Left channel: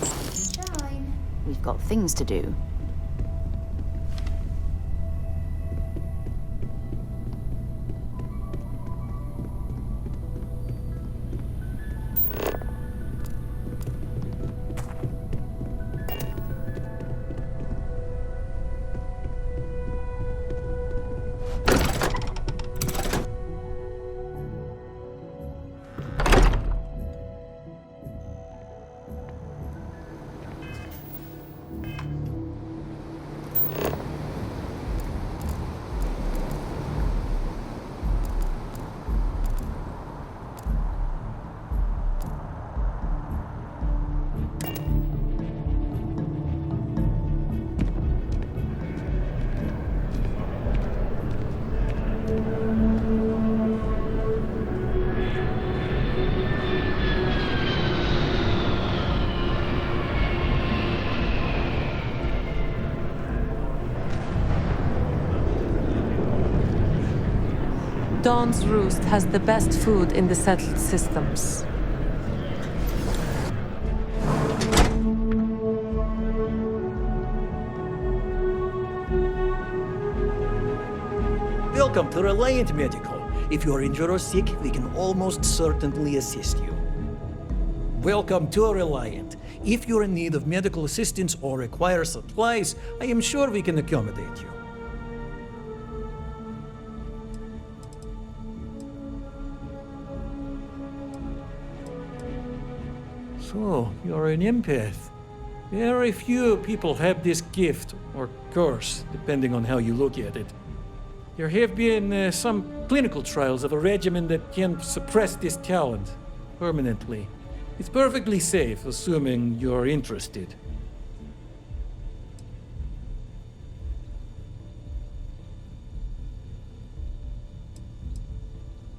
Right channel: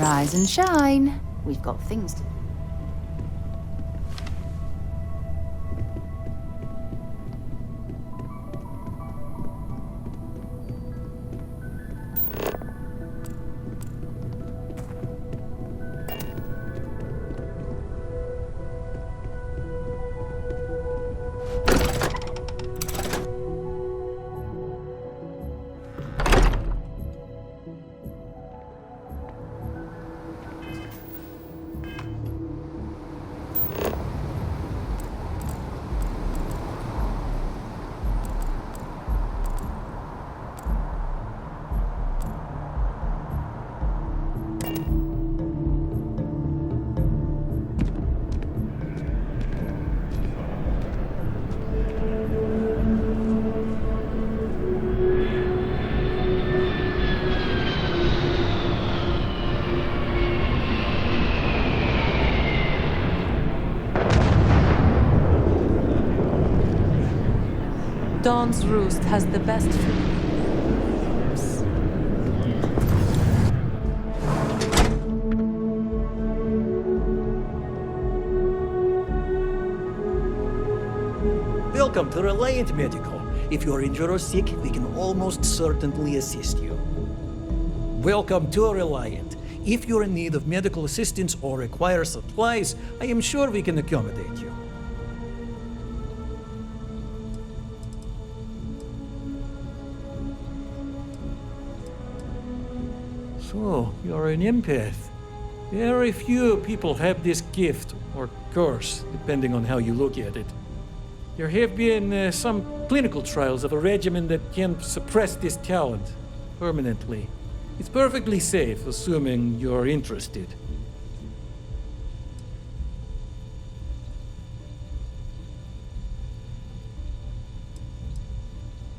Rise and shine. We've got things to do. Dawn's Roost has the best food in the settled systems. Welcome to Reliant Medical. If you are injured or sick, we can almost certainly assist you. Welcome to Reliant. If you're in need of medical assistance or require supplies, I am sure we can accommodate you. So, you're an empath. Very few people have this gift, or curse, depending on how you look at it. There have been some clinical trials of a regimen that can suppress this talent permanently. It's perfectly safe, assuming you're interested.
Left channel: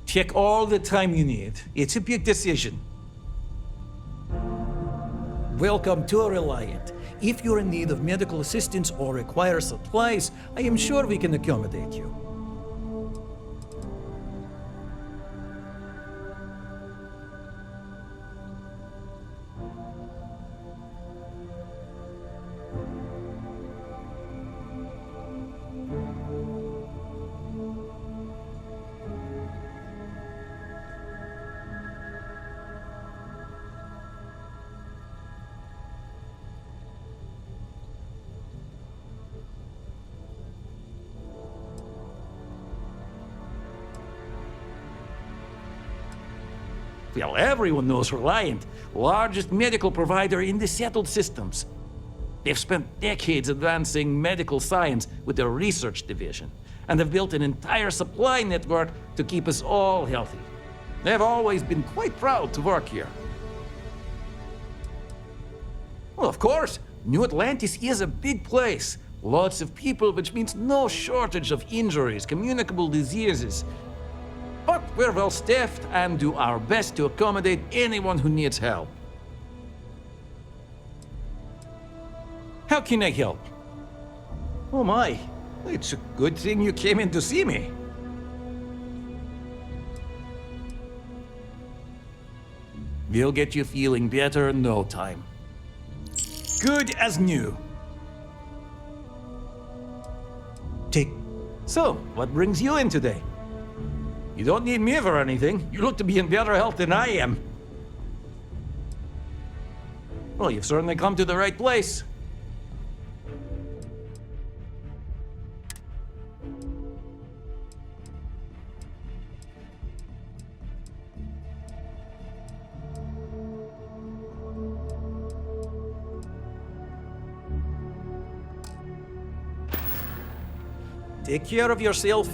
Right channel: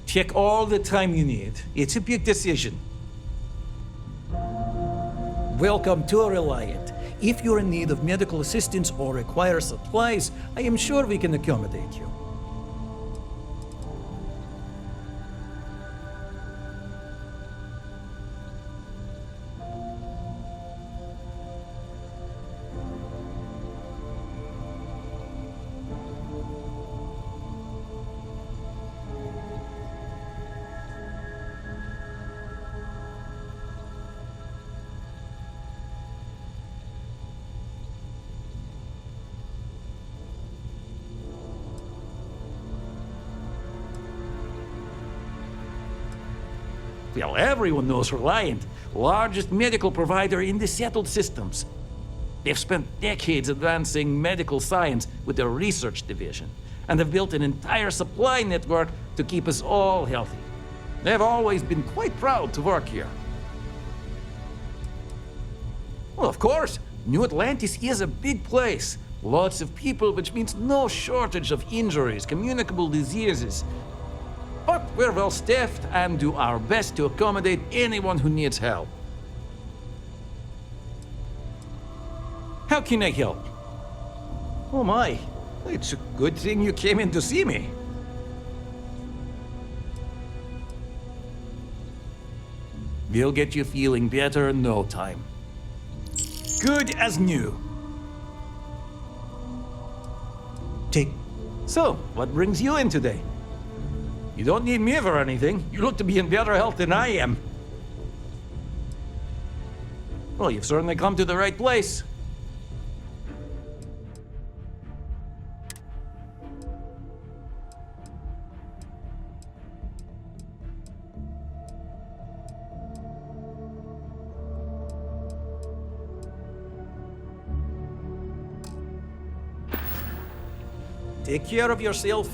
Take all the time you need. It's a big decision. Welcome to Reliant. If you're in need of medical assistance or require supplies, I am sure we can accommodate you. Well, everyone knows Reliant, largest medical provider in the settled systems. They've spent decades advancing medical science with their research division, and have built an entire supply network to keep us all healthy. They've always been quite proud to work here. Well, of course, New Atlantis is a big place. Lots of people, which means no shortage of injuries, communicable diseases. But we're well staffed and do our best to accommodate anyone who needs help. How can I help? Oh my, it's a good thing you came in to see me. We'll get you feeling better in no time. Good as new. So, what brings you in today? You don't need me for anything. You look to be in better health than I am. Well, you've certainly come to the right place. Take care of yourself.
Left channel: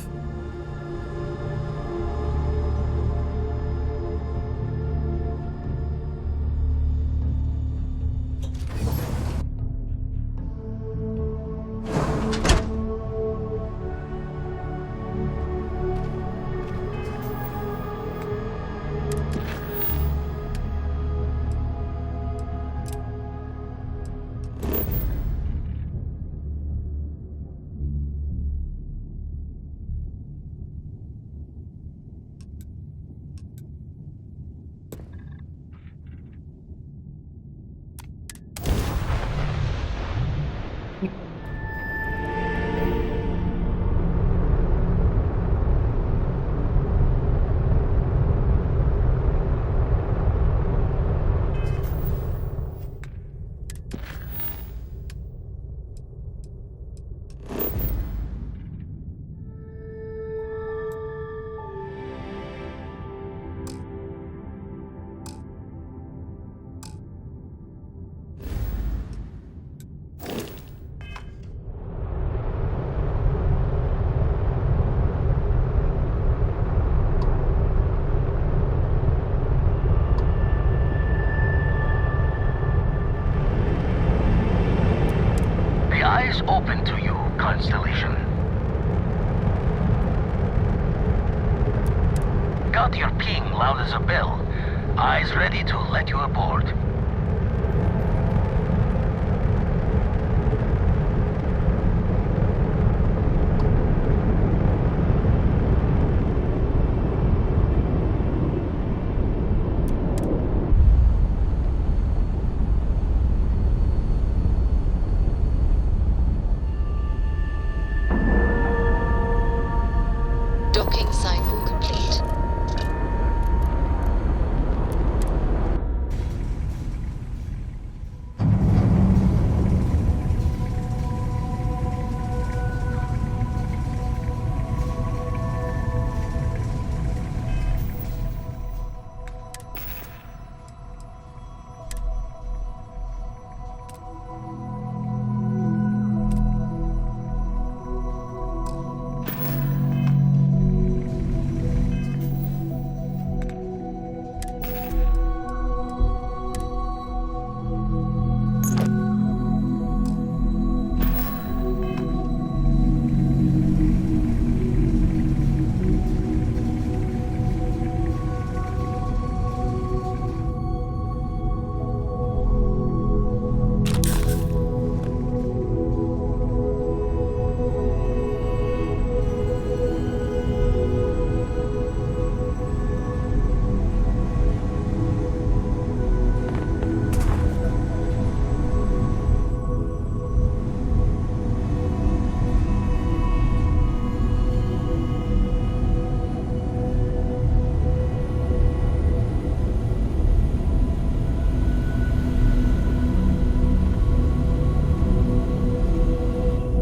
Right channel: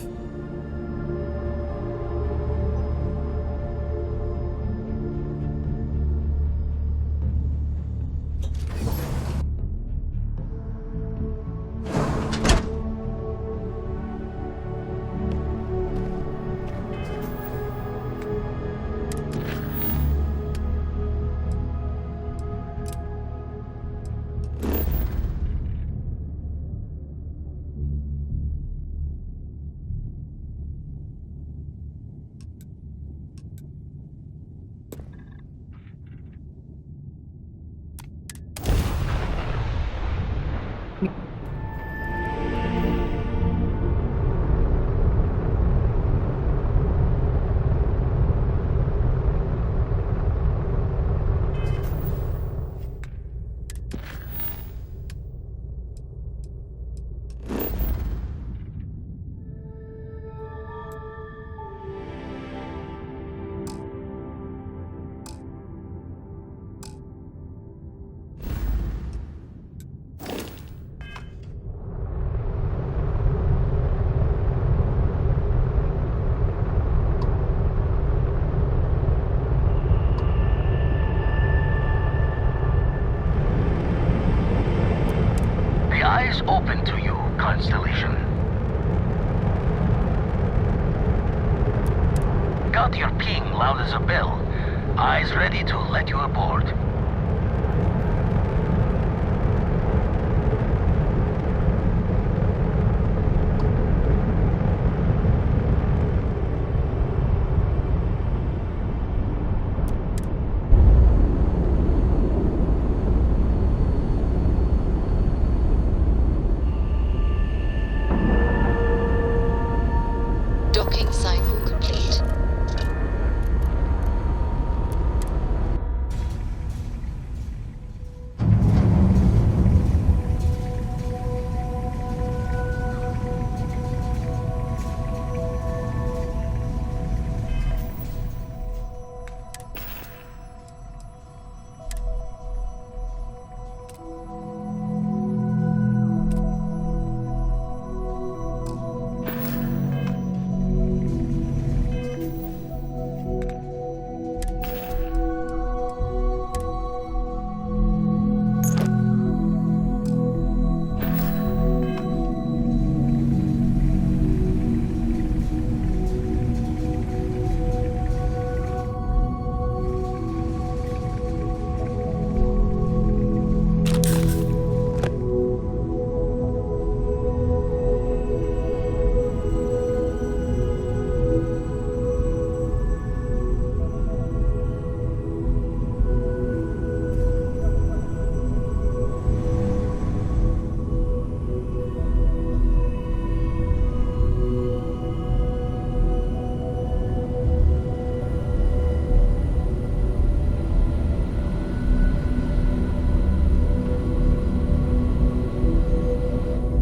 is open to you, Constellation. Got your ping loud as a bell. Eyes ready to let you aboard. Docking cycle complete.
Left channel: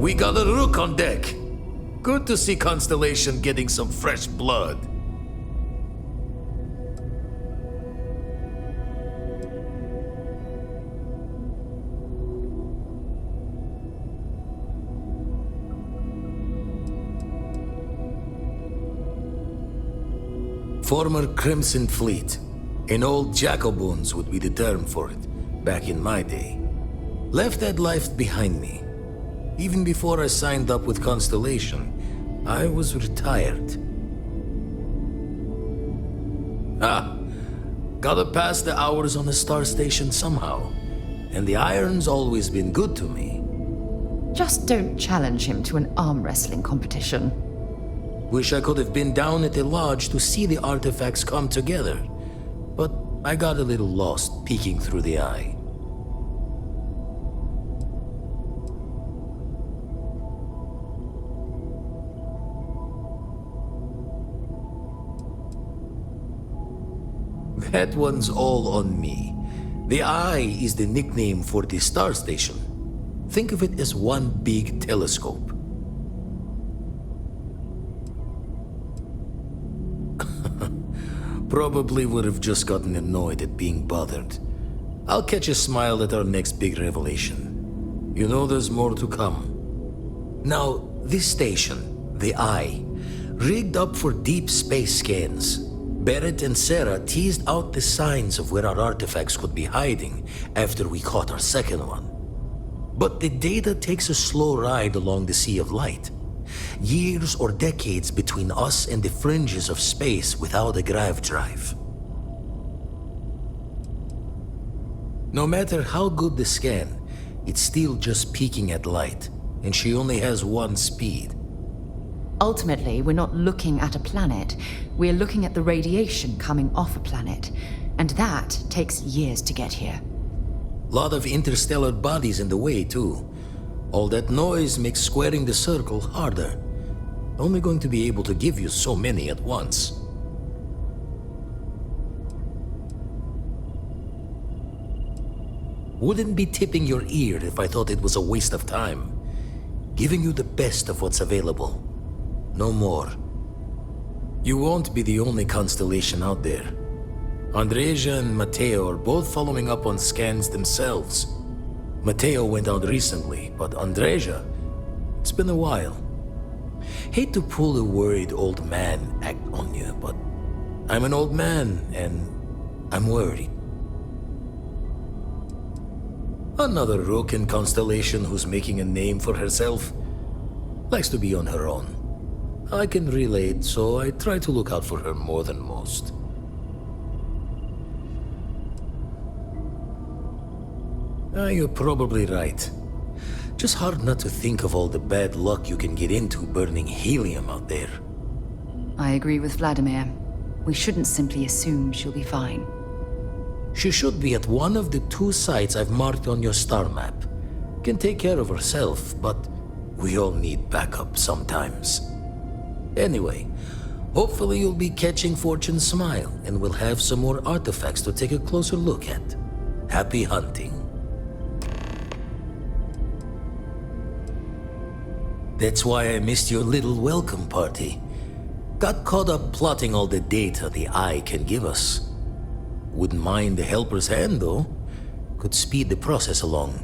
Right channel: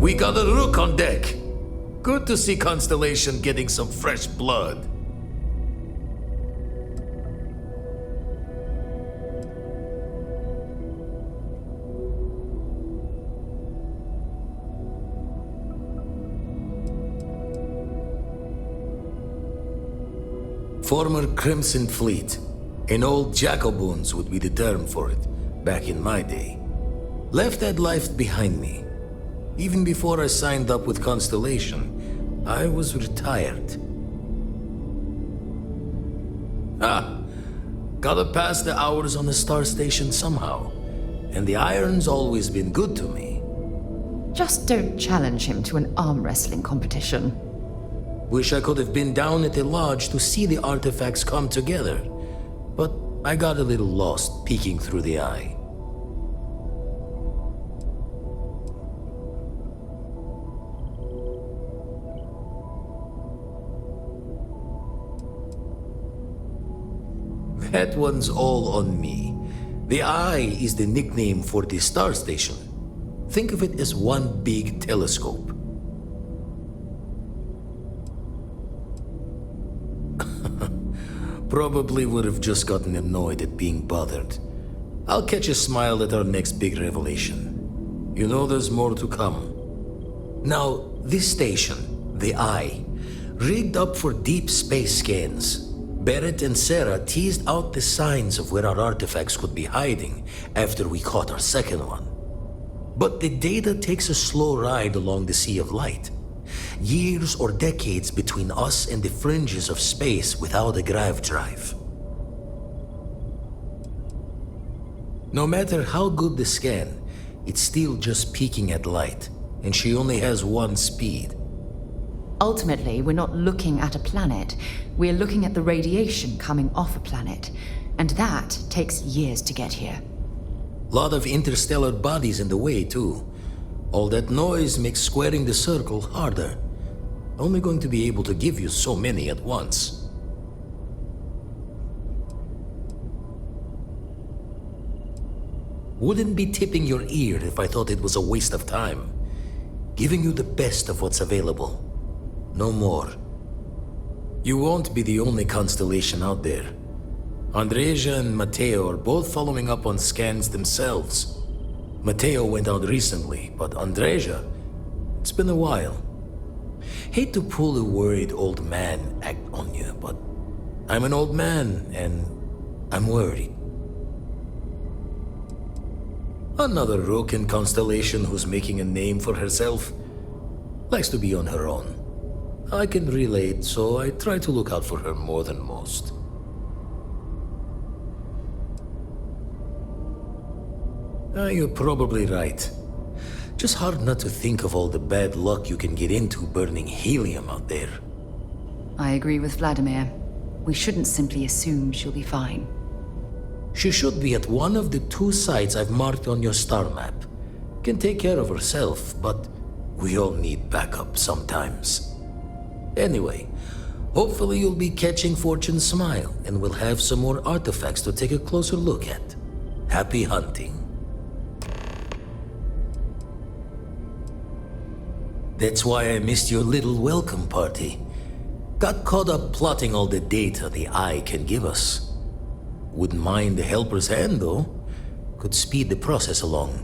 We got a rook on deck. Good to see Constellation getting some fresh blood. Former Crimson Fleet. An old Jacoboons would be the term for it, back in my day. Left that life behind me. Even before I signed up with Constellation, I was retired. Gotta pass the hours on the star station somehow. And the iron's always been good to me. Just don't challenge him to an arm wrestling competition. Wish I could have been down at the lodge to see the artifacts come together. But I got a little lost peeking through the eye. That one's all on me. The eye is the nickname for the star station. Think of it as one big telescope. Probably would have just gotten annoyed at being bothered. I'll catch a smile at our next big revelation. You know there's more to come. Now, this station, the Eye, rigged up for deep space scans. Barrett and Sarah teased out the signs of where our artifacts could be hiding after we caught our second one. But the data takes a slow ride along the Sea of Light. Years or decades between us and the fringes of space without a grav drive. No matter how good the scan, it's still just peeking at light, and she only has one speed. Ultimately, we're not looking at a planet. We're looking at the radiation coming off a planet. And that takes years to get here. Lot of interstellar bodies in the way, too. All that noise makes squaring the circle harder. Only going to be able to give you so many at once. Wouldn't be tipping your ear if I thought it was a waste of time. Giving you the best of what's available. No more. You won't be the only constellation out there. Andreja and Matteo are both following up on scans themselves. Matteo went out recently, but Andreja, it's been a while. Hate to pull a worried old man act on you, but I'm an old man and I'm worried. Another rook in Constellation who's making a name for herself. Likes to be on her own. I can relate, so I try to look out for her more than most. You're probably right. Just hard not to think of all the bad luck you can get into burning helium out there. I agree with Vladimir. We shouldn't simply assume she'll be fine. She should be at one of the 2 sites I've marked on your star map. Can take care of herself, but we all need backup sometimes. Anyway, hopefully you'll be catching Fortune's smile, and we'll have some more artifacts to take a closer look at. Happy hunting. That's why I missed your little welcome party. Got caught up plotting all the data the Eye can give us. Wouldn't mind the helper's hand, though. Could speed the process along.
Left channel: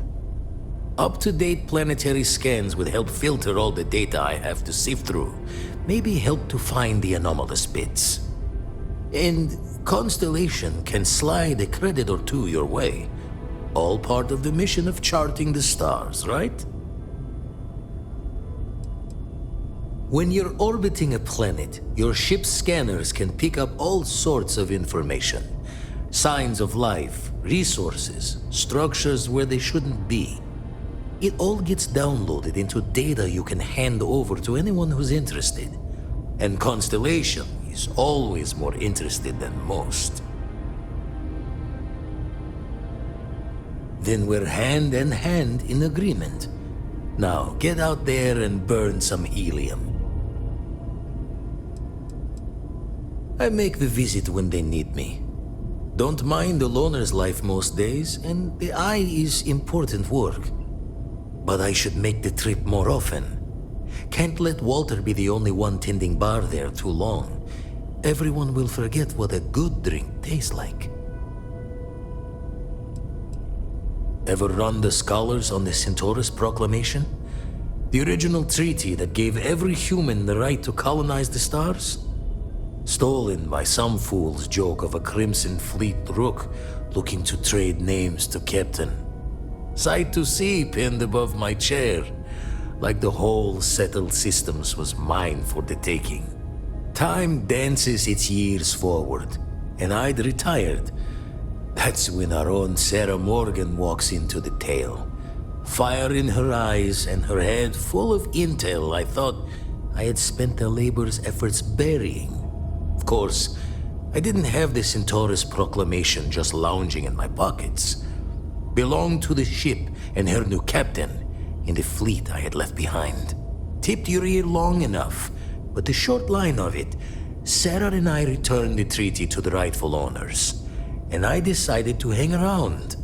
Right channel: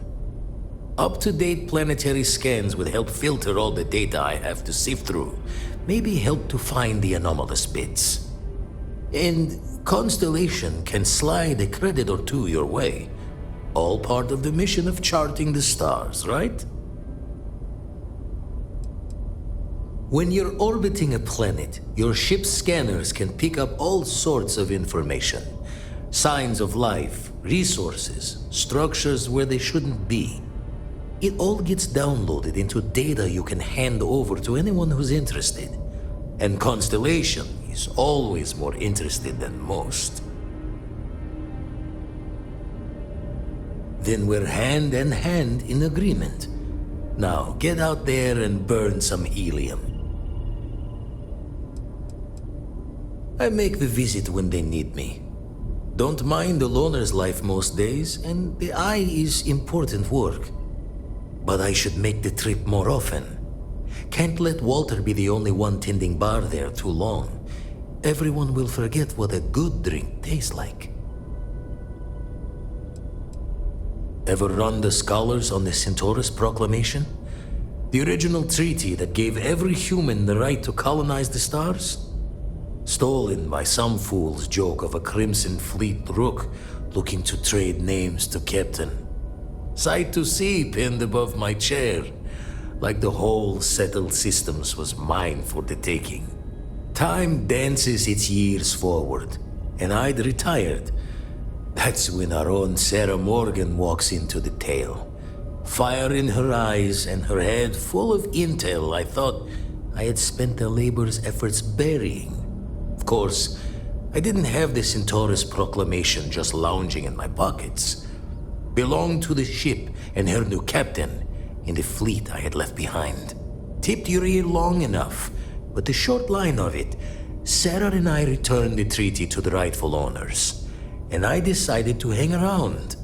Up-to-date planetary scans would help filter all the data I have to sift through. Maybe help to find the anomalous bits. And Constellation can slide a credit or 2 your way. All part of the mission of charting the stars, right? When you're orbiting a planet, your ship's scanners can pick up all sorts of information. Signs of life, resources, structures where they shouldn't be. It all gets downloaded into data you can hand over to anyone who's interested. And Constellation is always more interested than most. Then we're hand in hand in agreement. Now get out there and burn some helium. I make the visit when they need me. Don't mind the loner's life most days, and the Eye is important work. But I should make the trip more often. Can't let Walter be the only one tending bar there too long. Everyone will forget what a good drink tastes like. Ever run the scholars on the Centaurus Proclamation? The original treaty that gave every human the right to colonize the stars? Stolen by some fool's joke of a Crimson Fleet rook looking to trade names to Captain. Sight to see pinned above my chair, like the whole settled systems was mine for the taking. Time dances its years forward, and I'd retired. That's when our own Sarah Morgan walks into the tale. Fire in her eyes and her head full of intel I thought I had spent the labor's efforts burying. Of course, I didn't have the Centaurus Proclamation just lounging in my pockets. Belonged to the ship and her new captain in the fleet I had left behind. Tipped your ear long enough, but the short line of it, Sarah and I returned the treaty to the rightful owners, and I decided to hang around,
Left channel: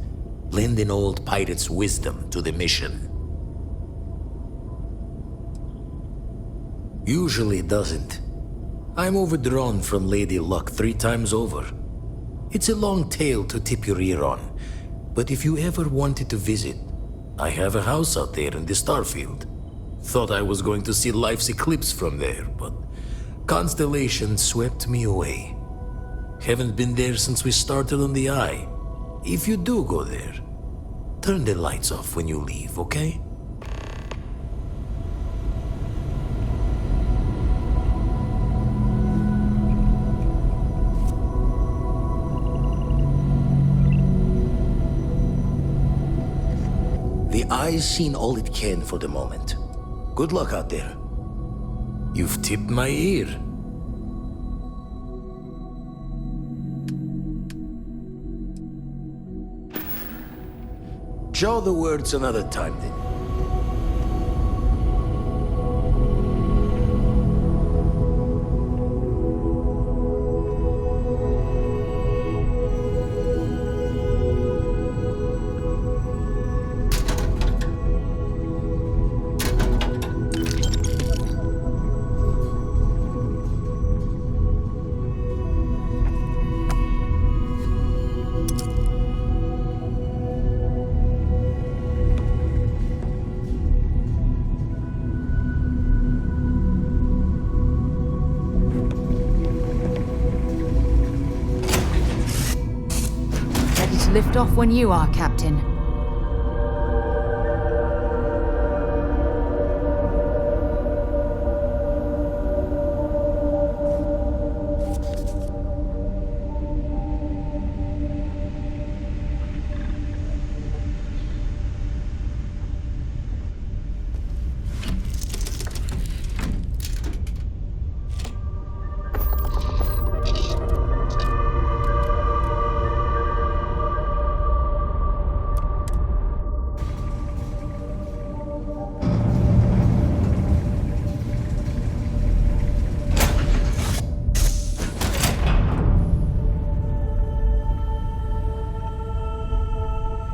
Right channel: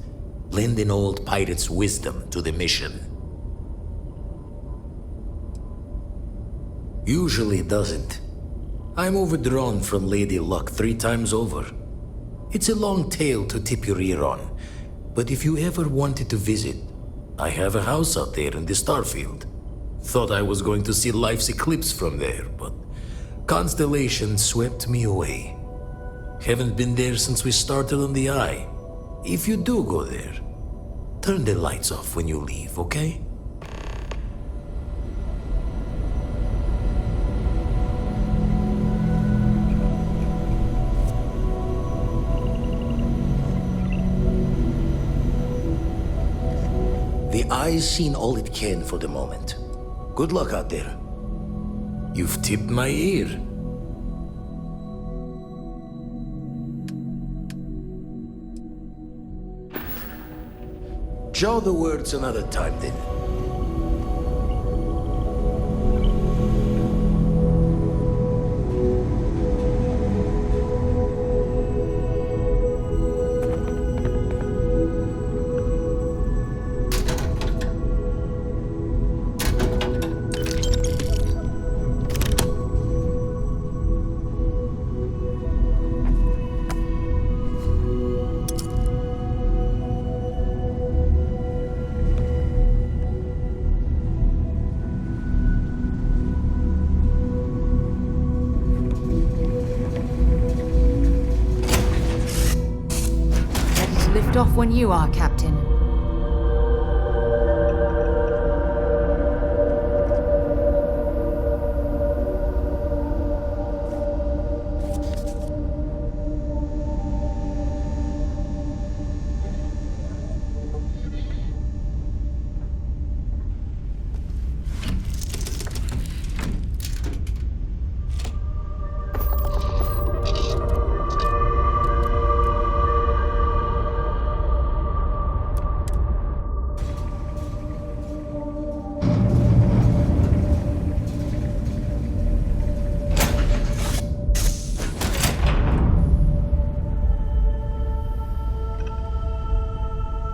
lend an old pirate's wisdom to the mission. Usually it doesn't. I'm overdrawn from Lady Luck 3 times over. It's a long tale to tip your ear on, but if you ever wanted to visit, I have a house out there in the Starfield. Thought I was going to see life's eclipse from there, but Constellation swept me away. Haven't been there since we started on the Eye. If you do go there, turn the lights off when you leave, okay? The Eye's seen all it can for the moment. Good luck out there. You've tipped my ear. Jaw the words another time then. Lift off when you are, Captain.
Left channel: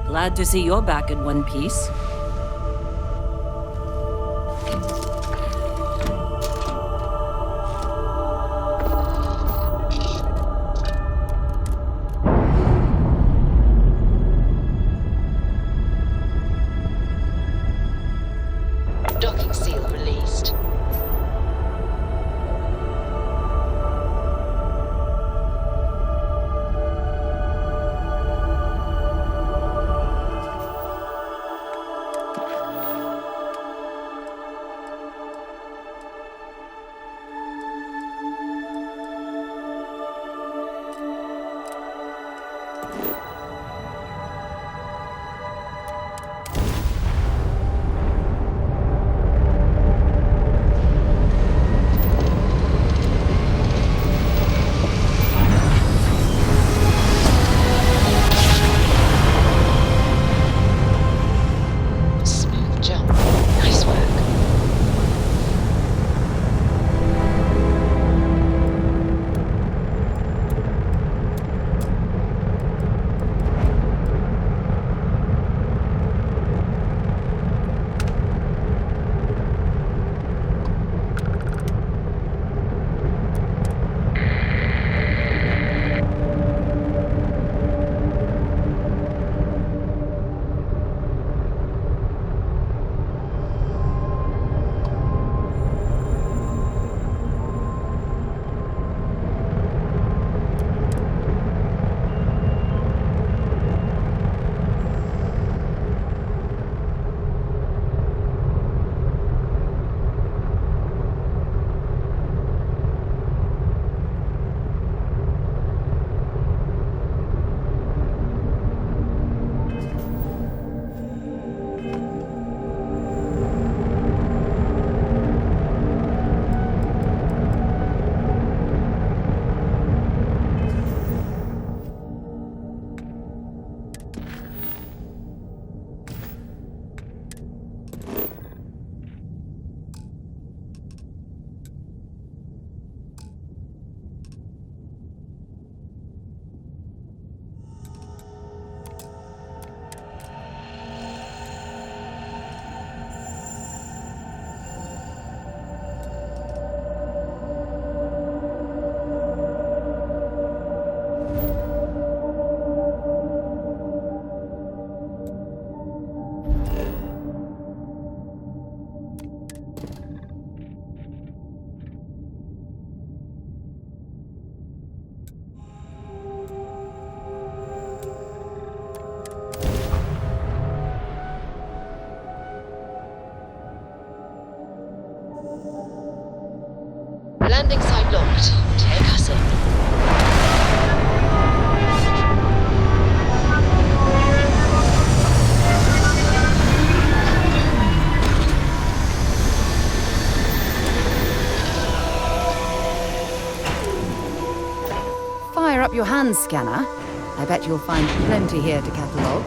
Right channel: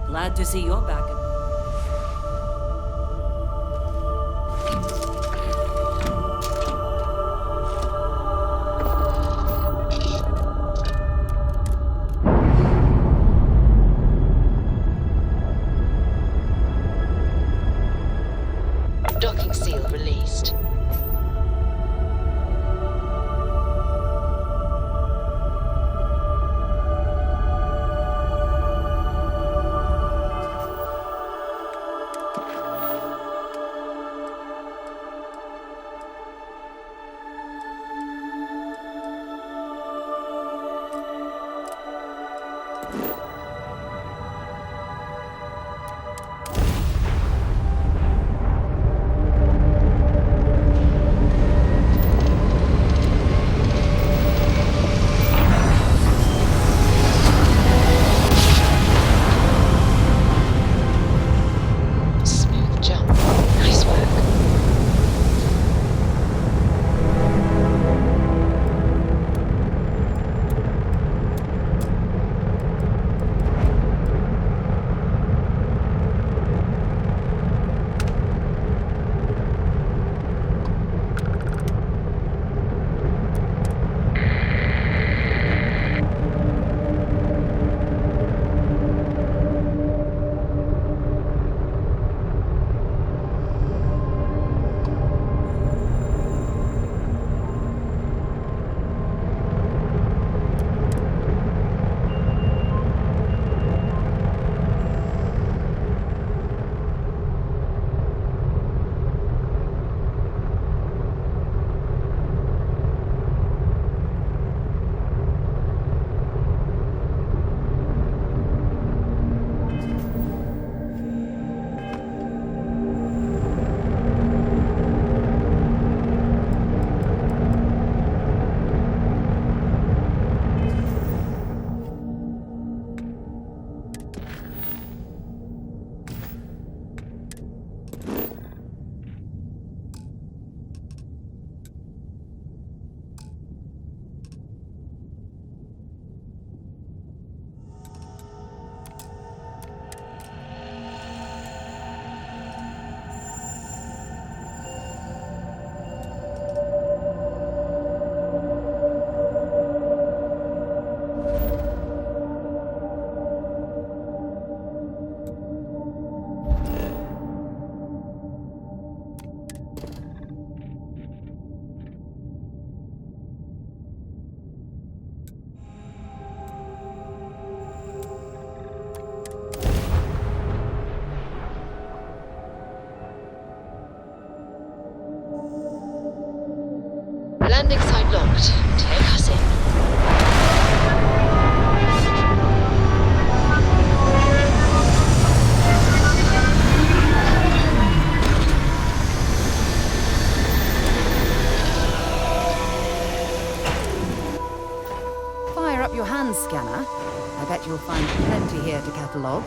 Glad to see you're back in one piece. Docking seal released. Smooth jump. Nice work. Landing site locked. Take us in. Fire up your hand scanner. I bet you'll find plenty here to catalogue.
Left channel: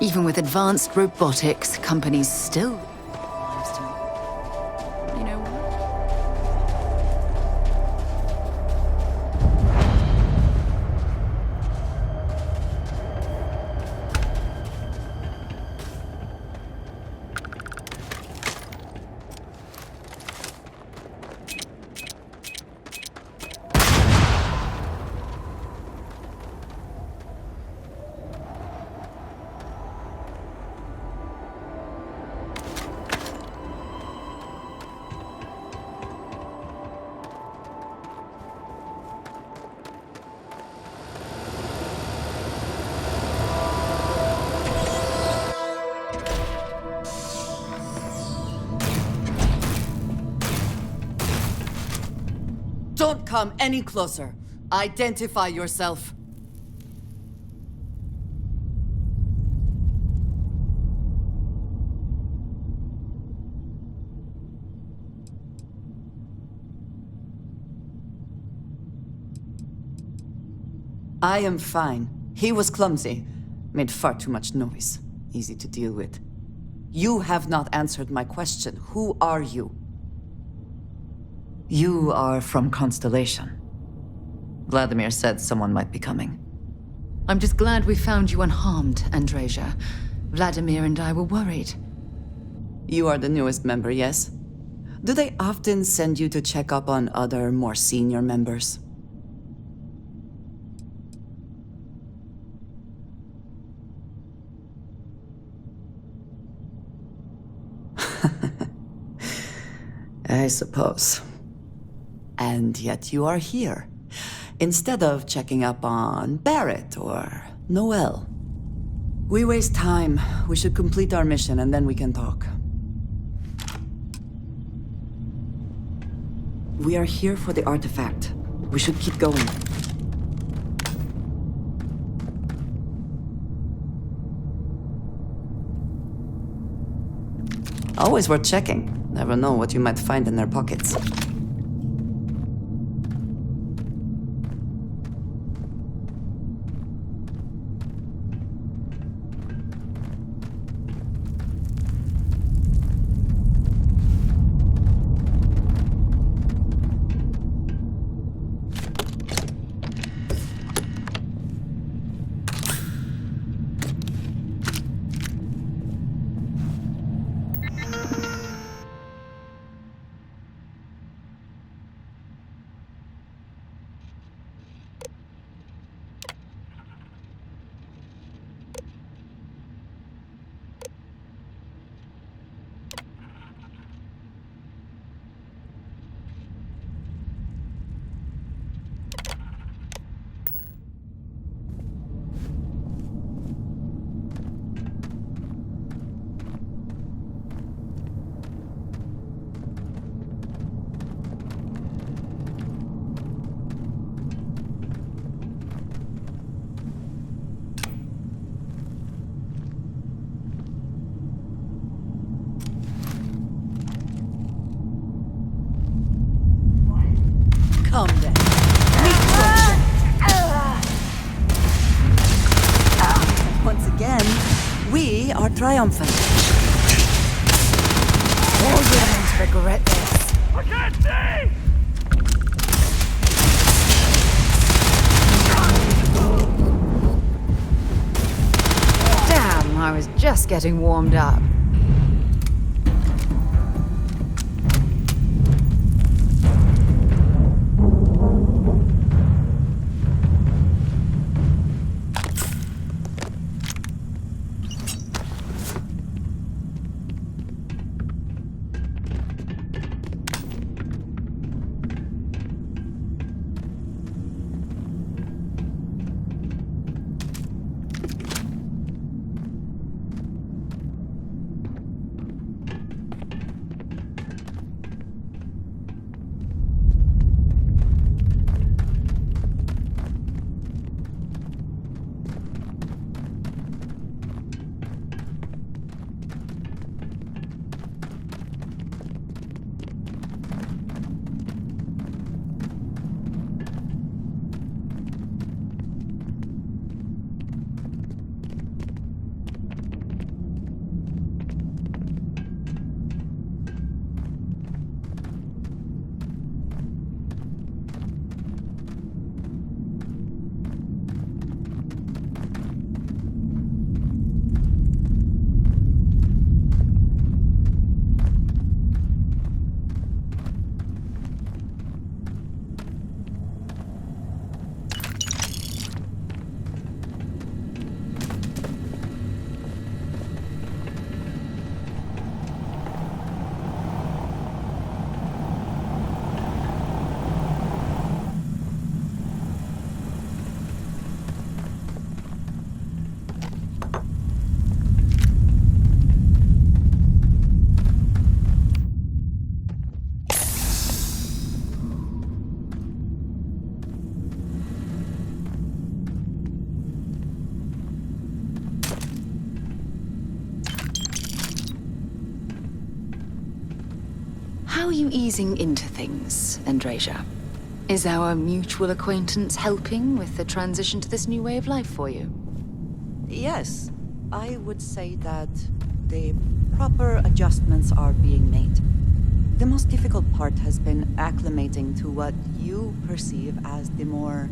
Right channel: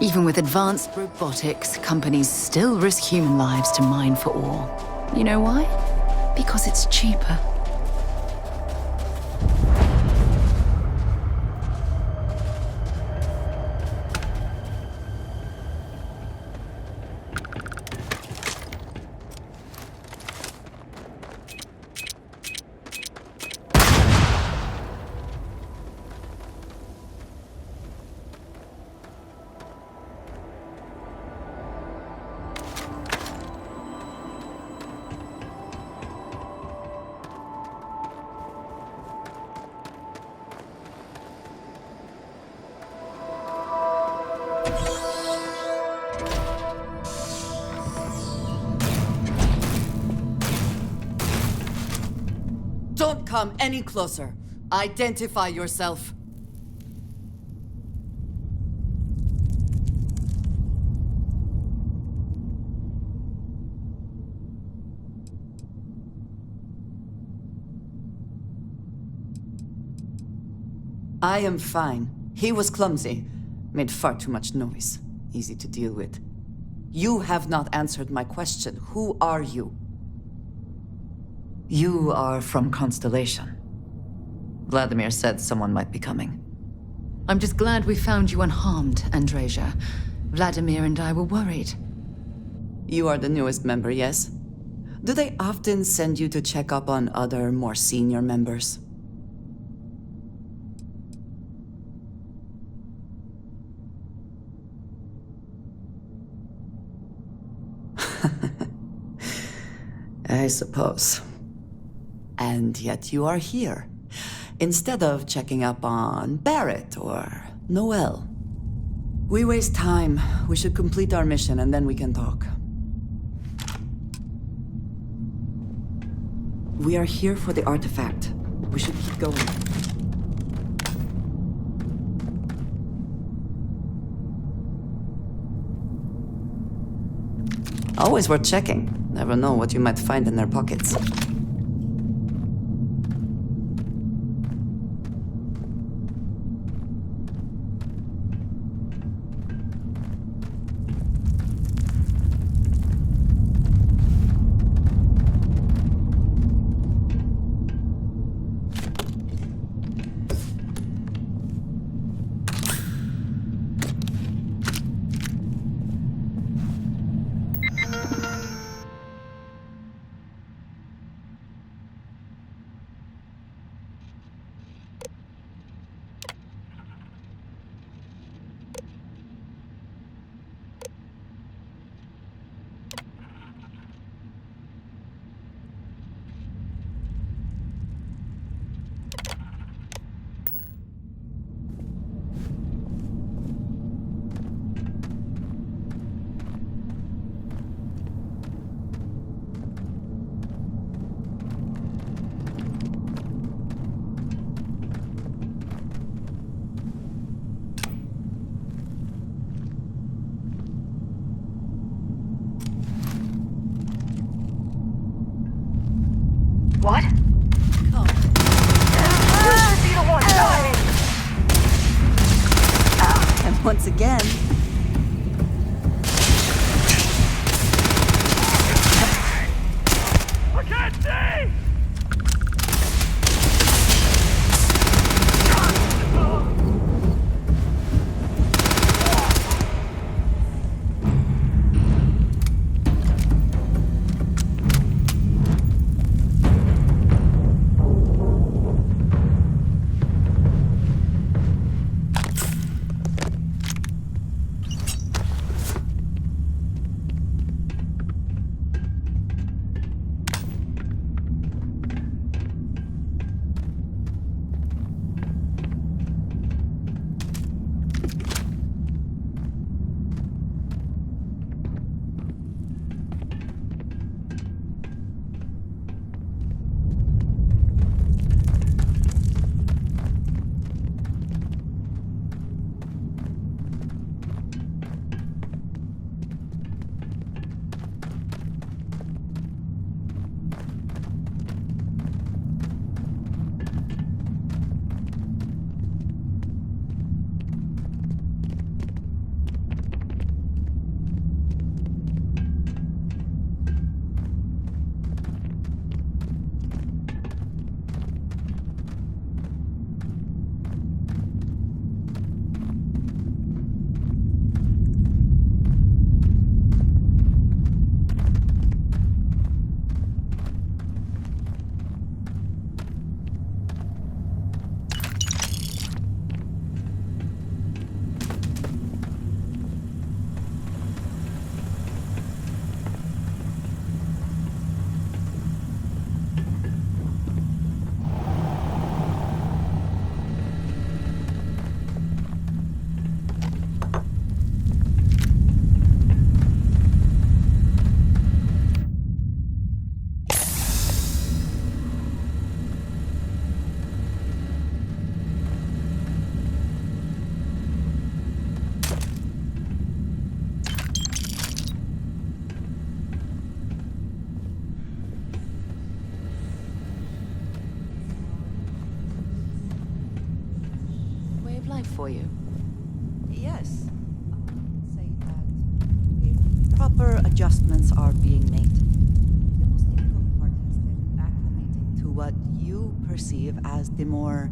Even with advanced robotics, companies still risk human lives to mine for ore. You know why? Because it's cheaper. Don't come any closer. Identify yourself. I am fine. He was clumsy. Made far too much noise. Easy to deal with. You have not answered my question. Who are you? You are from Constellation. Vladimir said someone might be coming. I'm just glad we found you unharmed, Andreja. Vladimir and I were worried. You are the newest member, yes? Do they often send you to check up on other, more senior members? I suppose. And yet you are here, instead of checking up on Barrett or Noel. We waste time. We should complete our mission and then we can talk. We are here for the artifact. We should keep going. Always worth checking. Never know what you might find in their pockets. What? Come then. And once again, we are triumphant. Regret. I can't see! Damn, I was just getting warmed up. are you easing into things, Andrasia? Is our mutual acquaintance helping with the transition to this new way of life for you? Yes, I would say that the proper adjustments are being made. The most difficult part has been acclimating to what you perceive as the more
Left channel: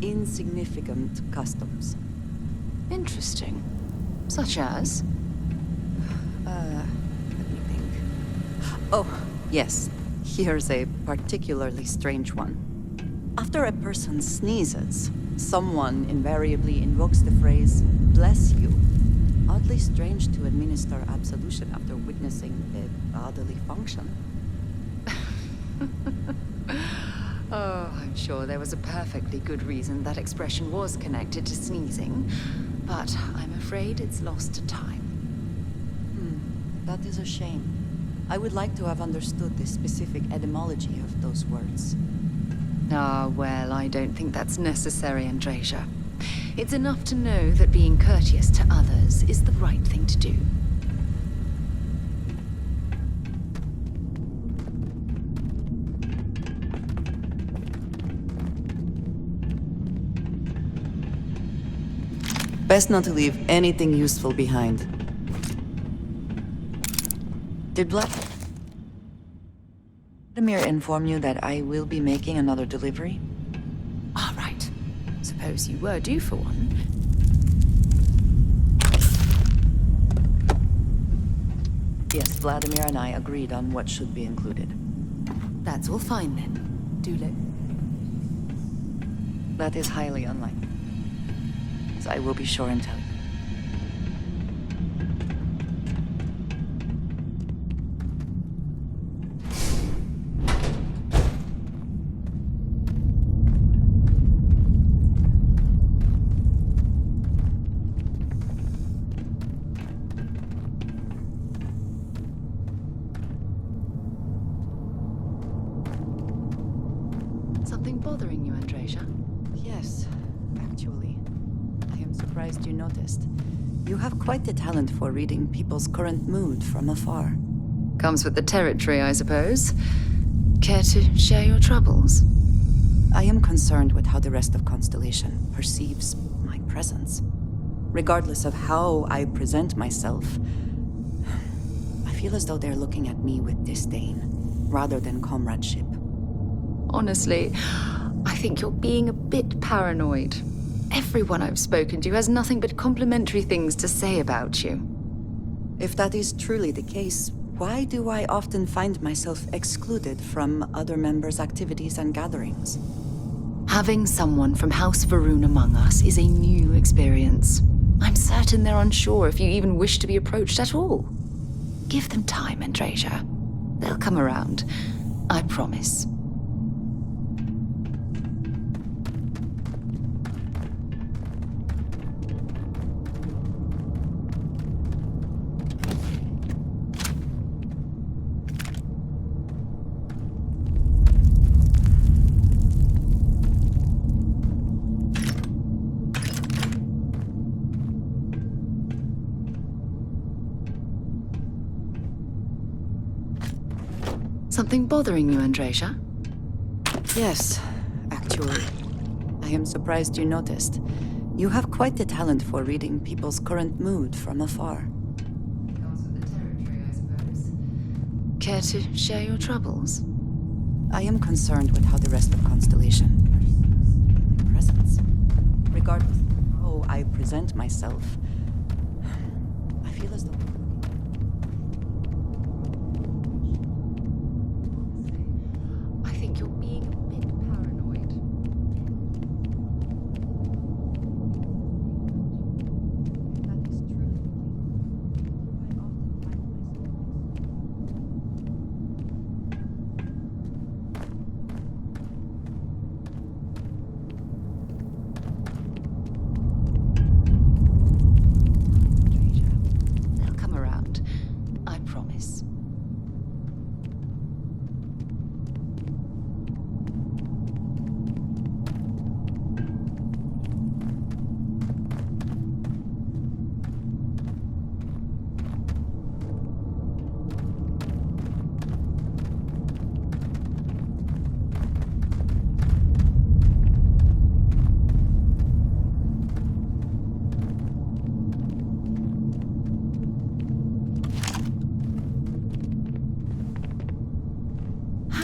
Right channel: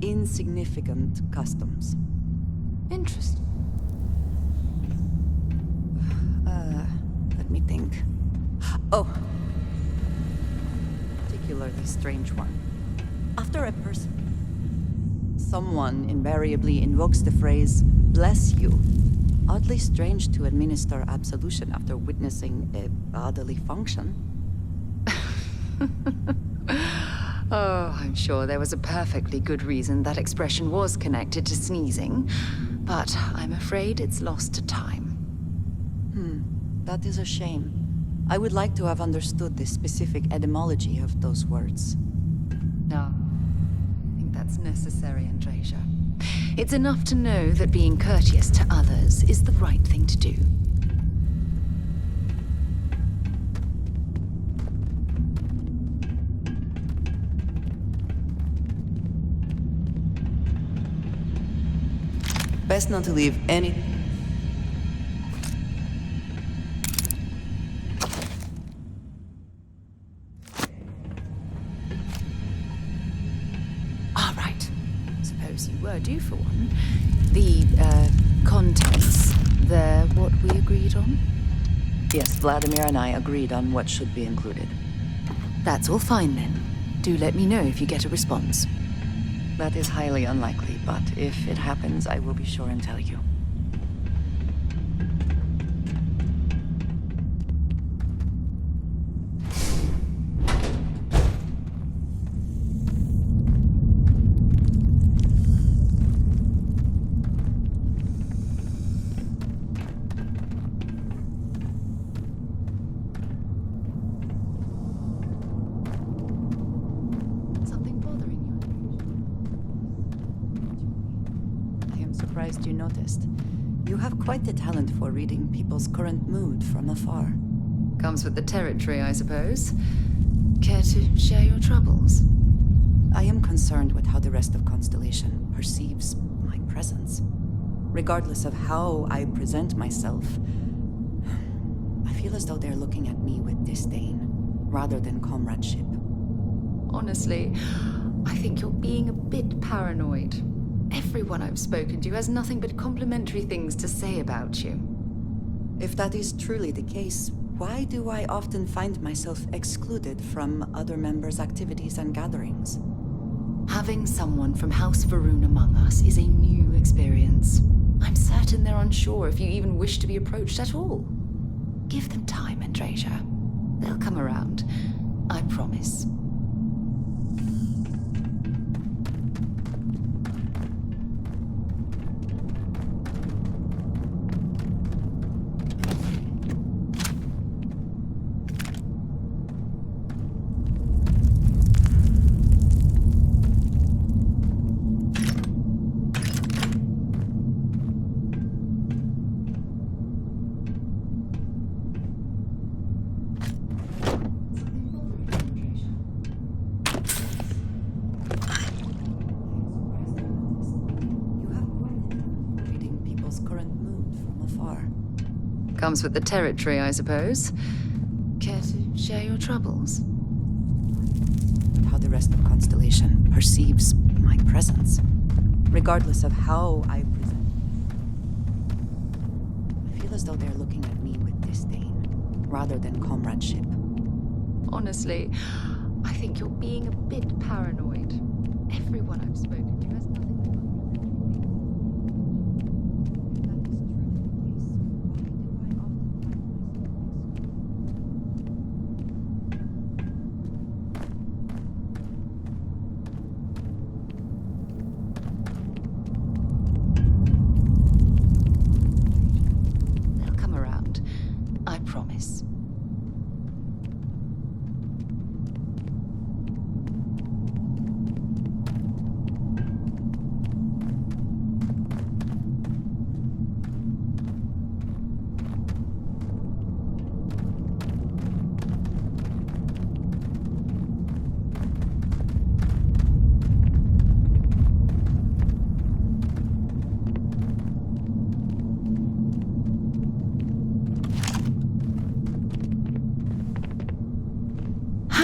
insignificant customs. Interesting. Such as? Let me think. Oh, yes. Here's a particularly strange one. After a person sneezes, someone invariably invokes the phrase, "bless you." Oddly strange to administer absolution after witnessing a bodily function. Oh, I'm sure there was a perfectly good reason that expression was connected to sneezing, but I'm afraid it's lost to time. That is a shame. I would like to have understood the specific etymology of those words. Ah, well, I don't think that's necessary, Andrasia. It's enough to know that being courteous to others is the right thing to do. Best not to leave anything useful behind. Did Vladimir inform you that I will be making another delivery? All right. Suppose you were due for one. The, contents, they're what we agreed on? Yes, Vladimir and I agreed on what should be included. That's all fine then. Do let me know if you get a response. That is highly unlikely, but if it happens, I will be sure and tell you. Something bothering you, Andrasia? Yes, actually. I am surprised you noticed. You have quite the talent for reading people's current mood from afar. Comes with the territory, I suppose. Care to share your troubles? I am concerned with how the rest of Constellation perceives my presence. Regardless of how I present myself, I feel as though they're looking at me with disdain, rather than comradeship. Honestly, I think you're being a bit paranoid. Everyone I've spoken to has nothing but complimentary things to say about you. If that is truly the case, why do I often find myself excluded from other members' activities and gatherings? Having someone from House Varun among us is a new experience. I'm certain they're unsure if you even wish to be approached at all. Give them time, Andrasia. They'll come around. I promise. Something bothering you, Andrasia? Yes, actually. I am surprised you noticed. You have quite the talent for reading people's current mood from afar. Comes with the territory, I suppose. Care to share your troubles? I am concerned with how the rest of Constellation perceives my presence. Regardless of how I present myself, I feel as though they're looking at me with disdain, rather than comradeship. Honestly, I think you're being a bit paranoid. Everyone I've spoken to has nothing but That is truly the case. Why do I often find myself They'll come around. I promise.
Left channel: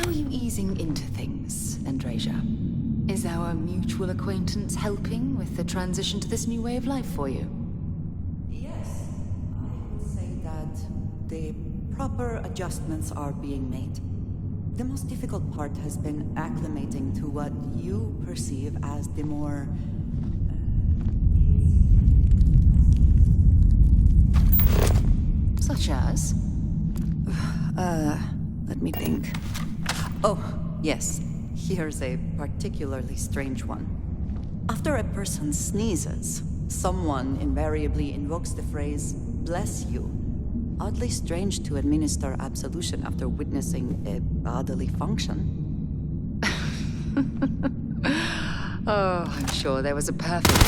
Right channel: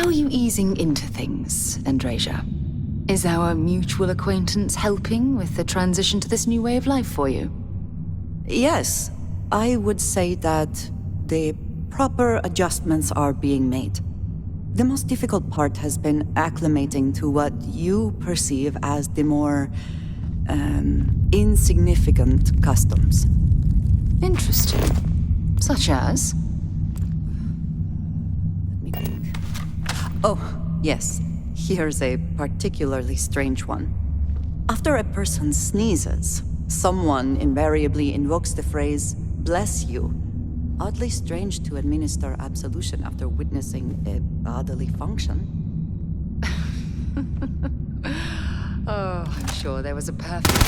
How are you easing into things, Andrasia? Is our mutual acquaintance helping with the transition to this new way of life for you? Yes, I would say that the proper adjustments are being made. The most difficult part has been acclimating to what you perceive as the more insignificant customs. Interesting. Such as? Let me think. Oh, yes. Here's a particularly strange one. After a person sneezes, someone invariably invokes the phrase, "bless you." Oddly strange to administer absolution after witnessing a bodily function. Oh, I'm sure there was a perfect...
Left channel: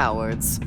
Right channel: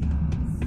Cowards.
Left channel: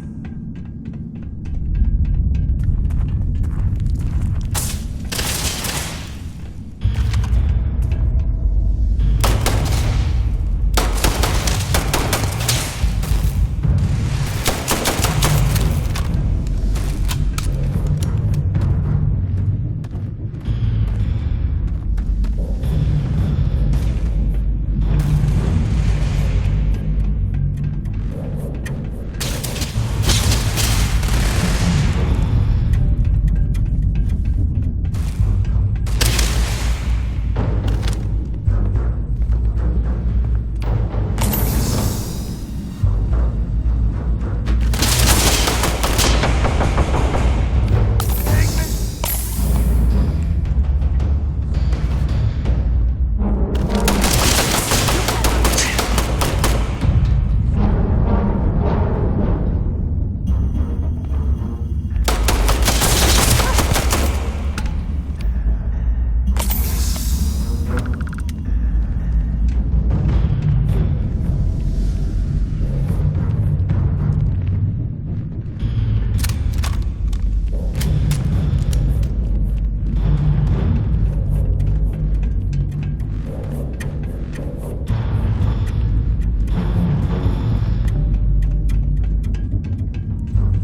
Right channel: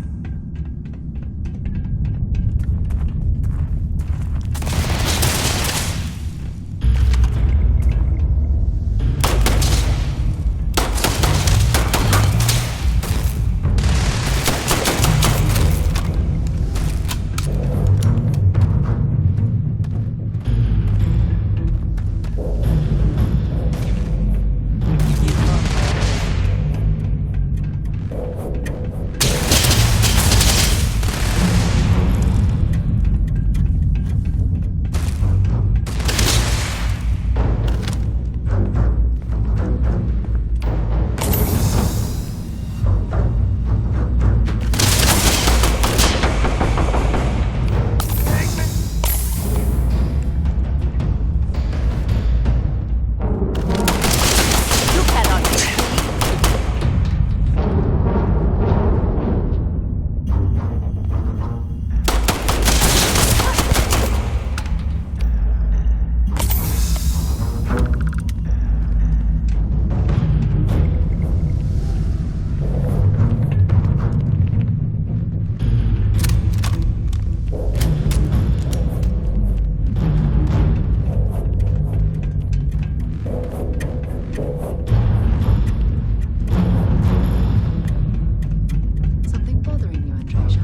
Something bothering you, Andreja?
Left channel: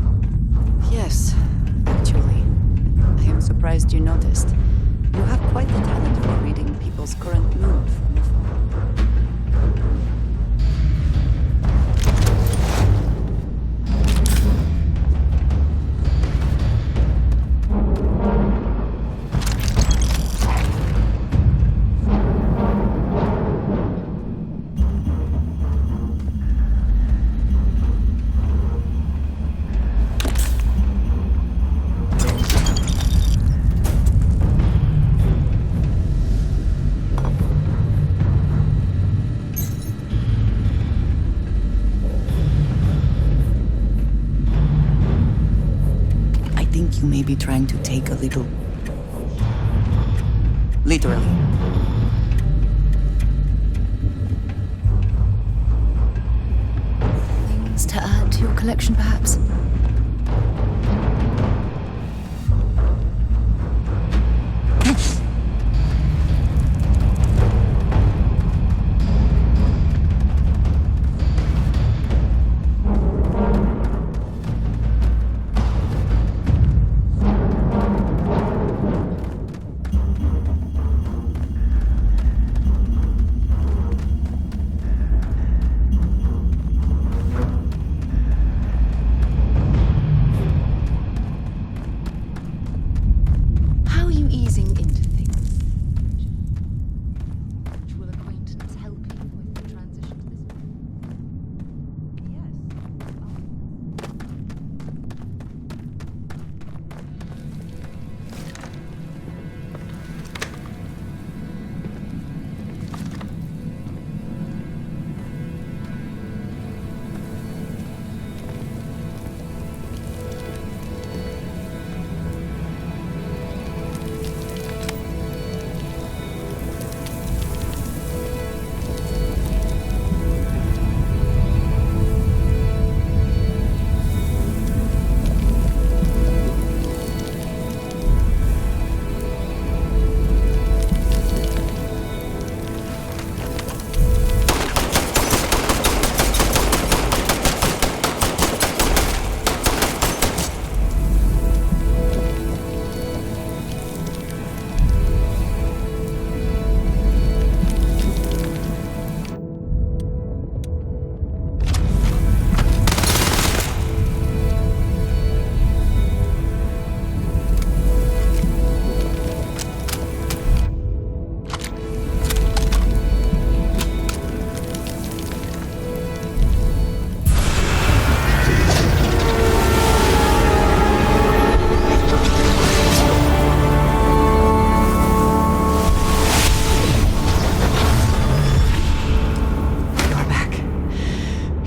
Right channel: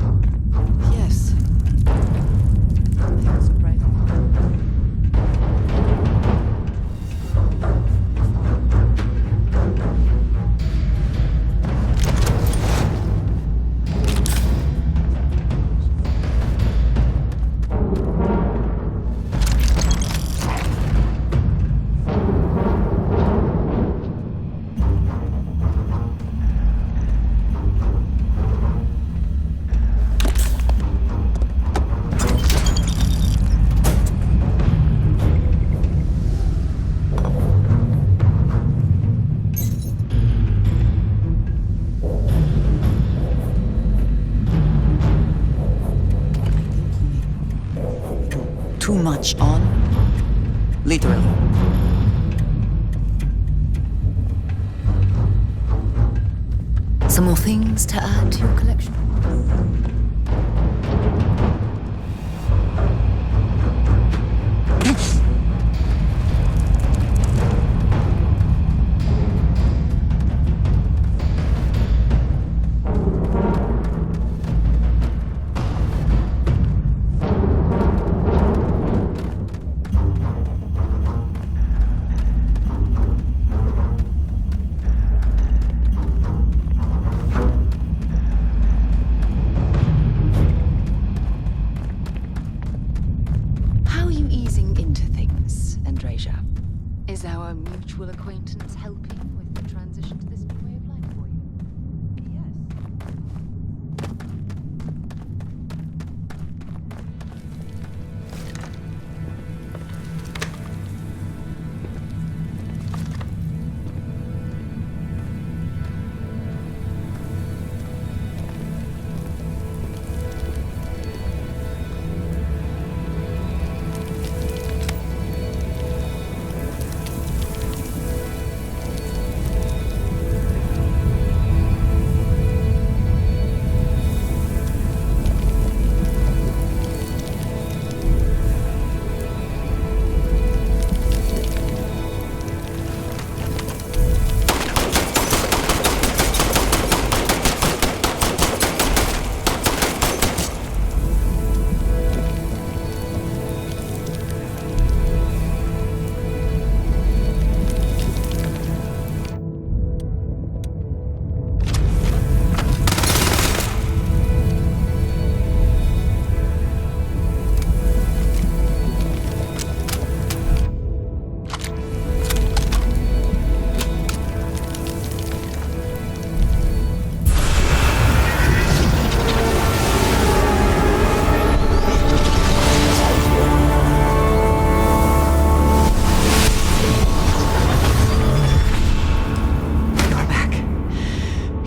Yes, actually. I am surprised you noticed. You have quite the talent for reading people's current mood from afar. I think you may be trying to take a little too much on. Literally. Some more things to add to your collection, perhaps? How are you easing into things, Andreja? Is our mutual acquaintance helping with the transition to this new way of life for you? Yes.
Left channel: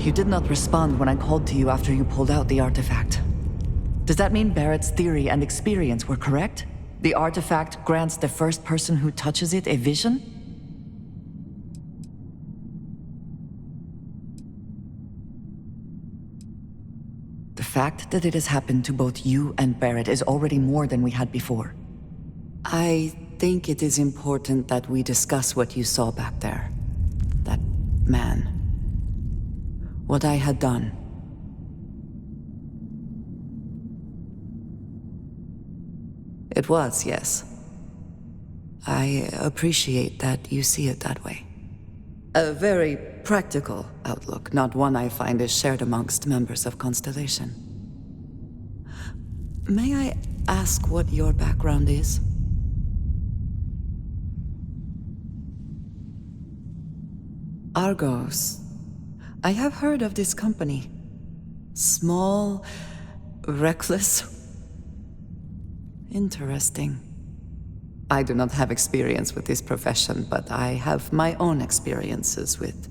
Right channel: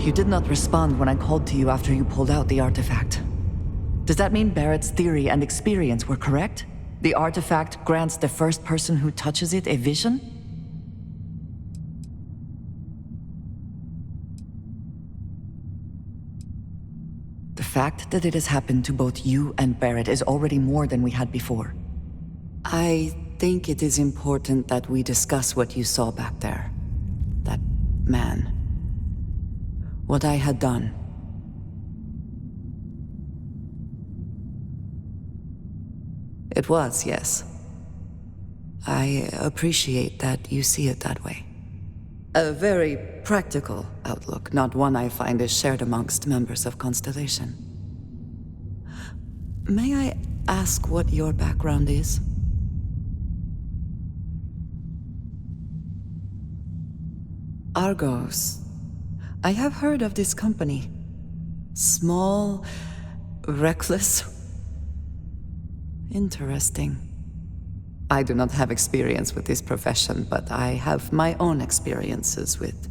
You did not respond when I called to you after you pulled out the artifact. Does that mean Barrett's theory and experience were correct? The artifact grants the first person who touches it a vision? The fact that it has happened to both you and Barrett is already more than we had before. I think it is important that we discuss what you saw back there. That man. What I had done. It was, yes. I appreciate that you see it that way. A very practical outlook, not one I find is shared amongst members of Constellation. May I ask what your background is? Argos. I have heard of this company. Small, reckless. Interesting. I do not have experience with this profession, but I have my own experiences with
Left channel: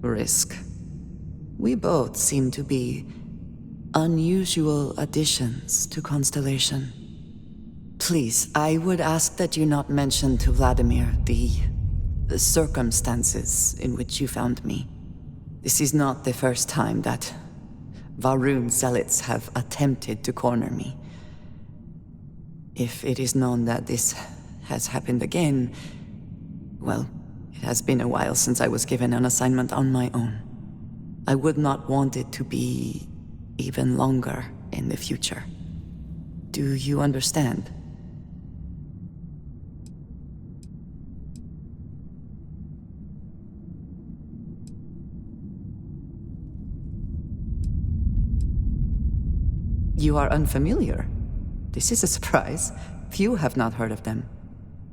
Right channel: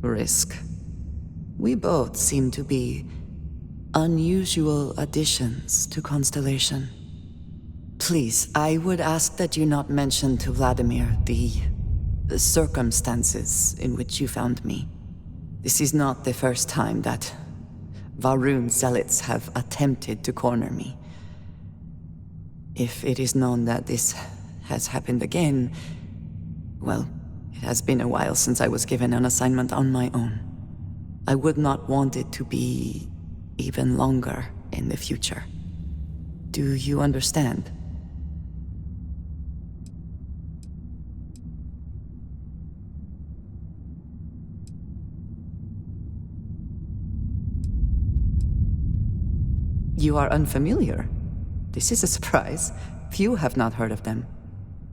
risk. We both seem to be unusual additions to Constellation. Please, I would ask that you not mention to Vladimir the circumstances in which you found me. This is not the first time that Varun zealots have attempted to corner me. If it is known that this has happened again, well, it has been a while since I was given an assignment on my own. I would not want it to be even longer in the future. Do you understand? You are unfamiliar. This is a surprise. Few have not heard of them.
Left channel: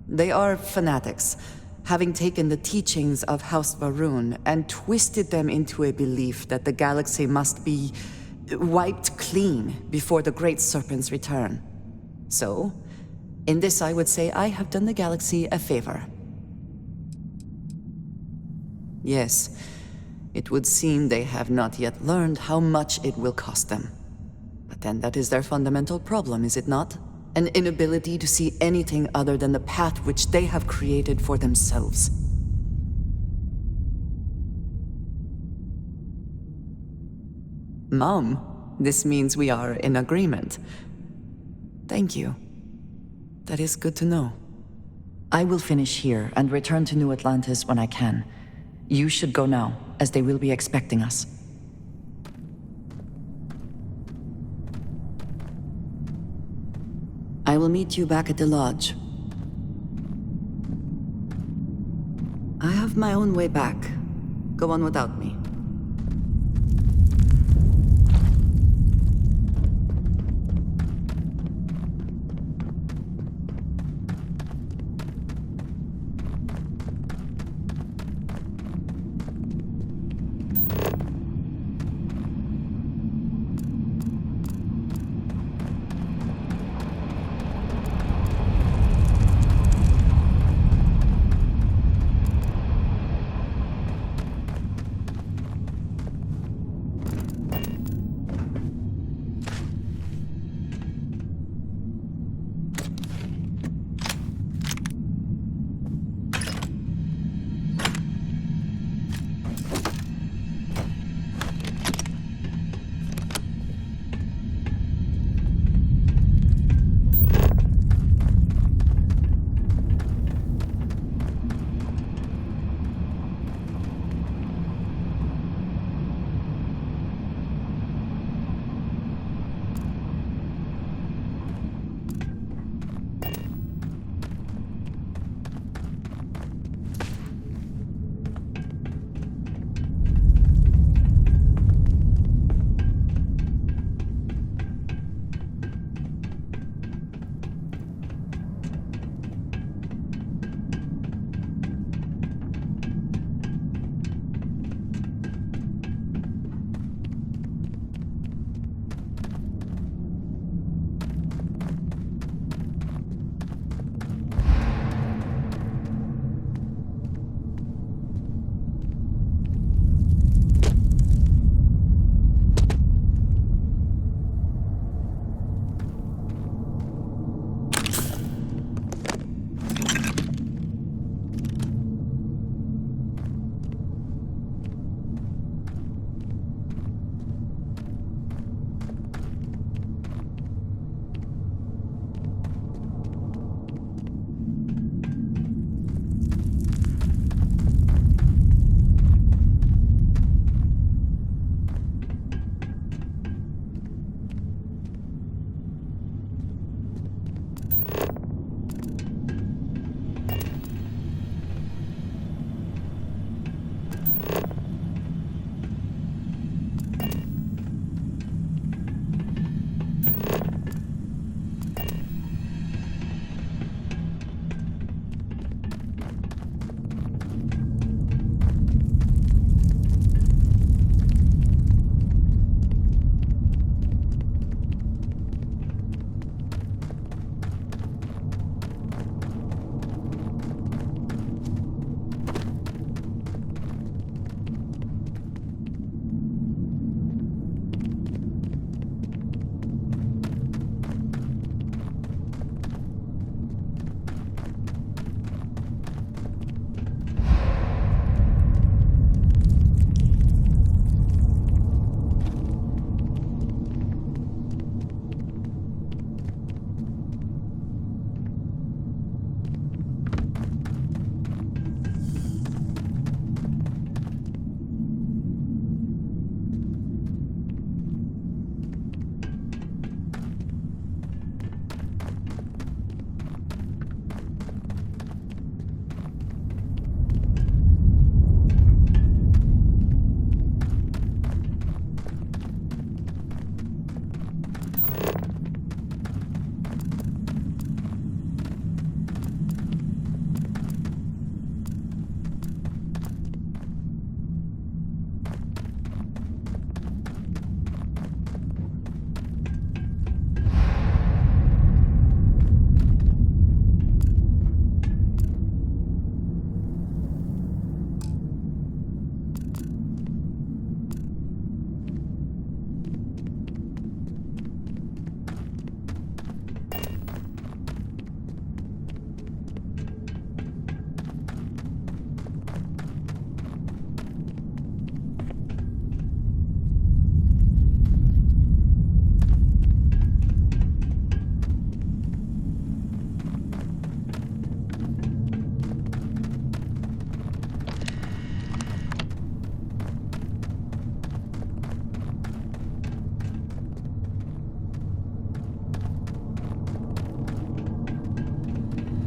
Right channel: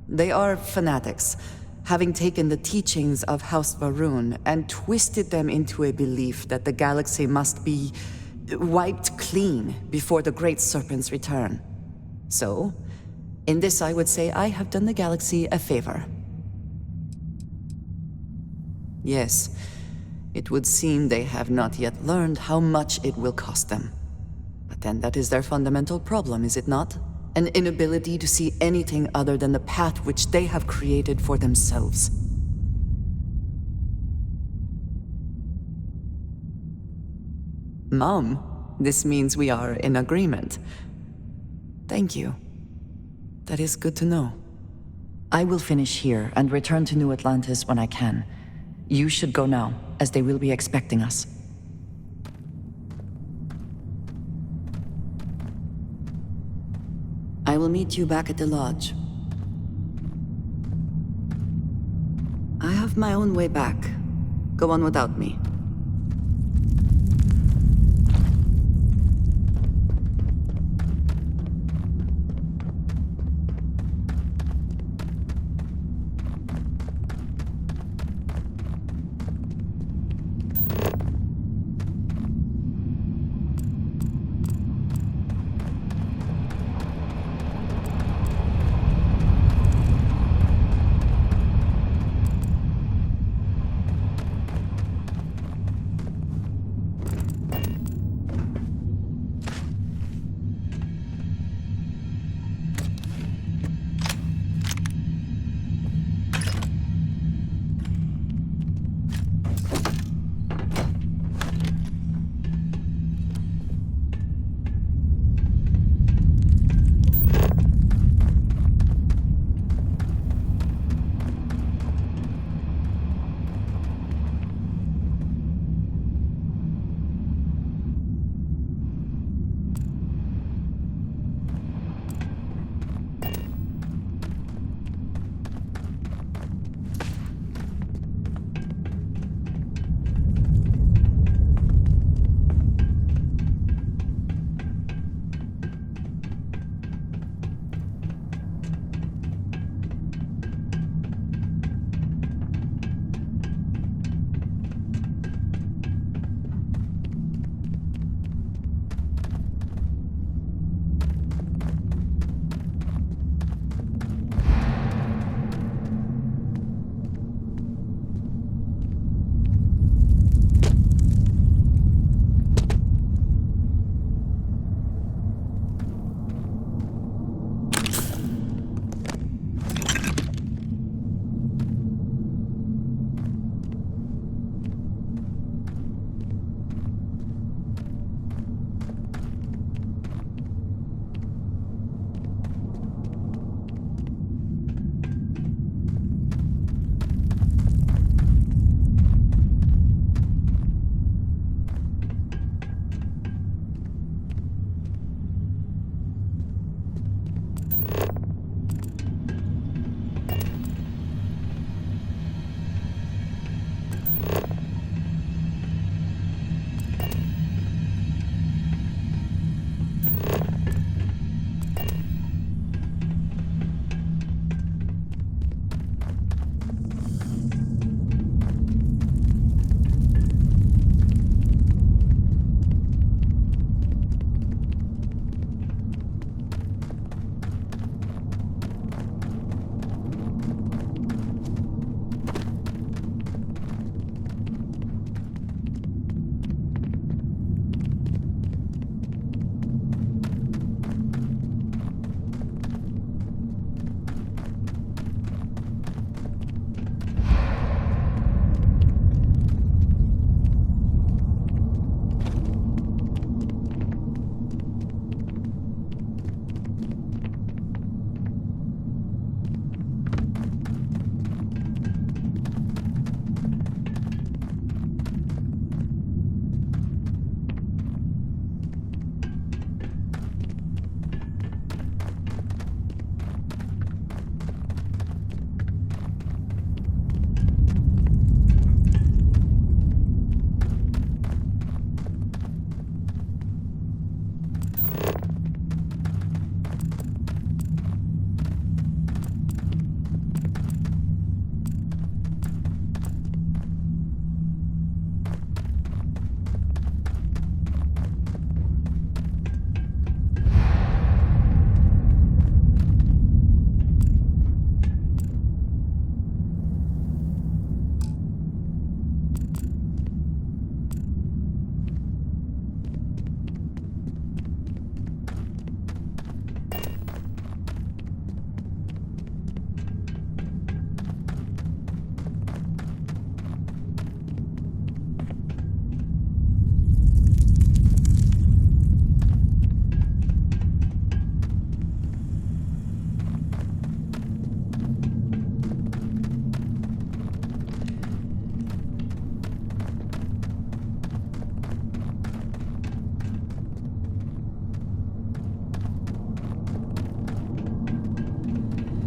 They are fanatics, having taken the teachings of House Varun and twisted them into a belief that the galaxy must be wiped clean before the Great Serpent's return. So, in this I would say I have done the galaxy a favor. Yes, it would seem they have not yet learned how much it will cost them. But then that is their fundamental problem, is it not? An inability to see anything other than the path which they have created for themselves. Mom, this means we are in agreement. Thank you. That is good to know. I will finish here and return to New Atlantis when I can. You should go now, as they will be expecting us. I will meet you back at the lodge. I have my own way back. Go on without me.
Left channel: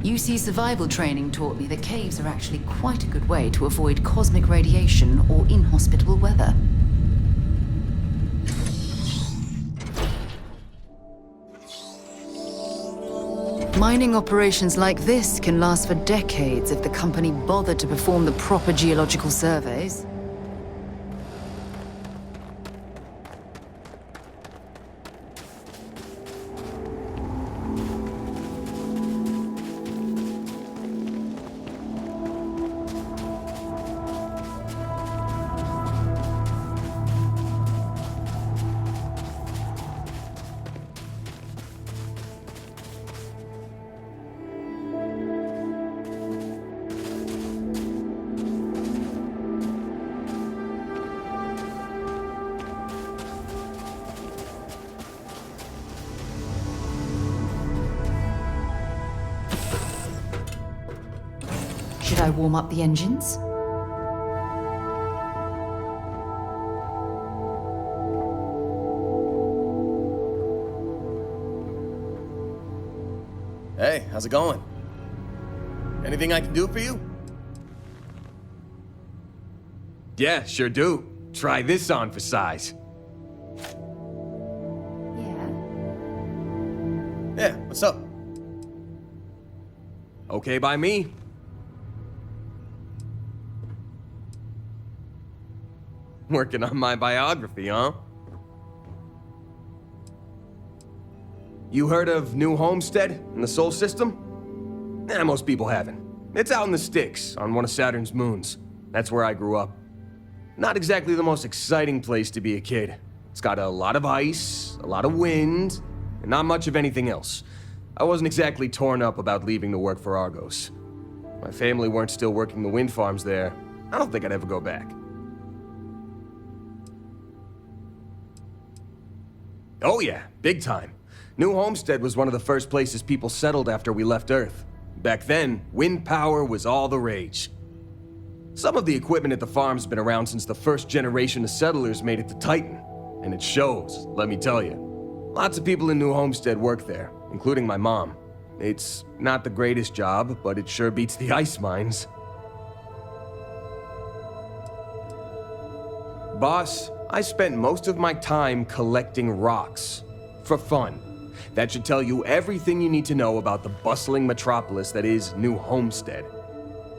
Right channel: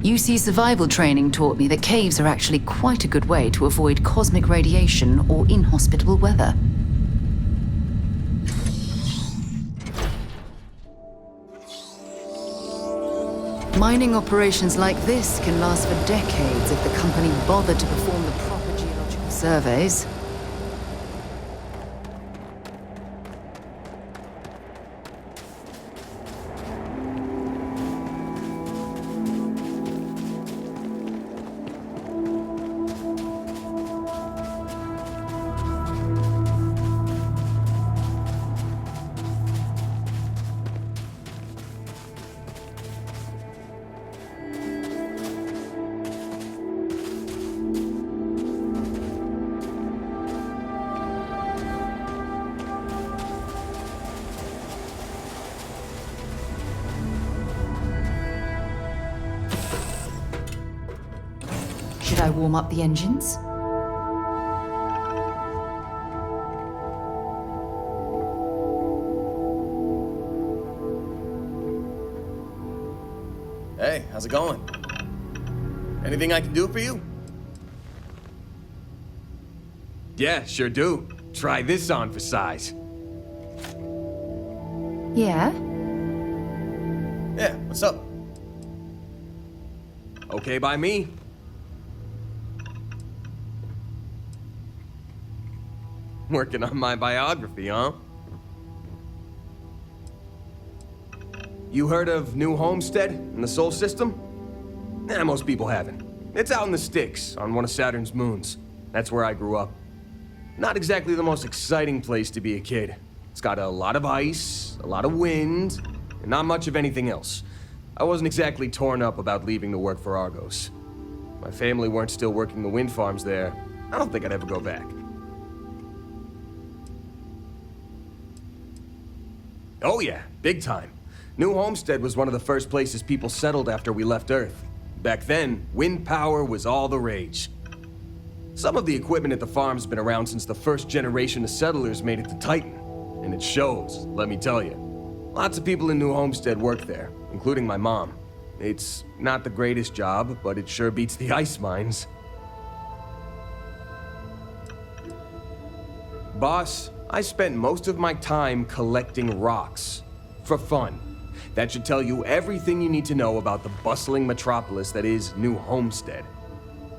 UC survival training taught me that caves are actually quite a good way to avoid cosmic radiation or inhospitable weather. Mining operations like this can last for decades if the company bothered to perform the proper geological surveys. Should I warm up the engines? Hey, how's it going? Anything I can do for you? Yeah, sure do. Try this on for size. Yeah? Yeah, what's up? Okay by me. Working on my biography, huh? You heard of New Homestead in the Sol System? Most people haven't. It's out in the sticks, on one of Saturn's moons. That's where I grew up. Not exactly the most exciting place to be a kid. It's got a lot of ice, a lot of wind, and not much of anything else. I wasn't exactly torn up about leaving to work for Argos. My family weren't still working the wind farms there. I don't think I'd ever go back. Oh yeah, big time. New Homestead was one of the first places people settled after we left Earth. Back then, wind power was all the rage. Some of the equipment at the farm's been around since the first generation of settlers made it to Titan. And it shows, let me tell you. Lots of people in New Homestead work there, including my mom. It's not the greatest job, but it sure beats the ice mines. Boss, I spent most of my time collecting rocks. For fun. That should tell you everything you need to know about the bustling metropolis that is New Homestead.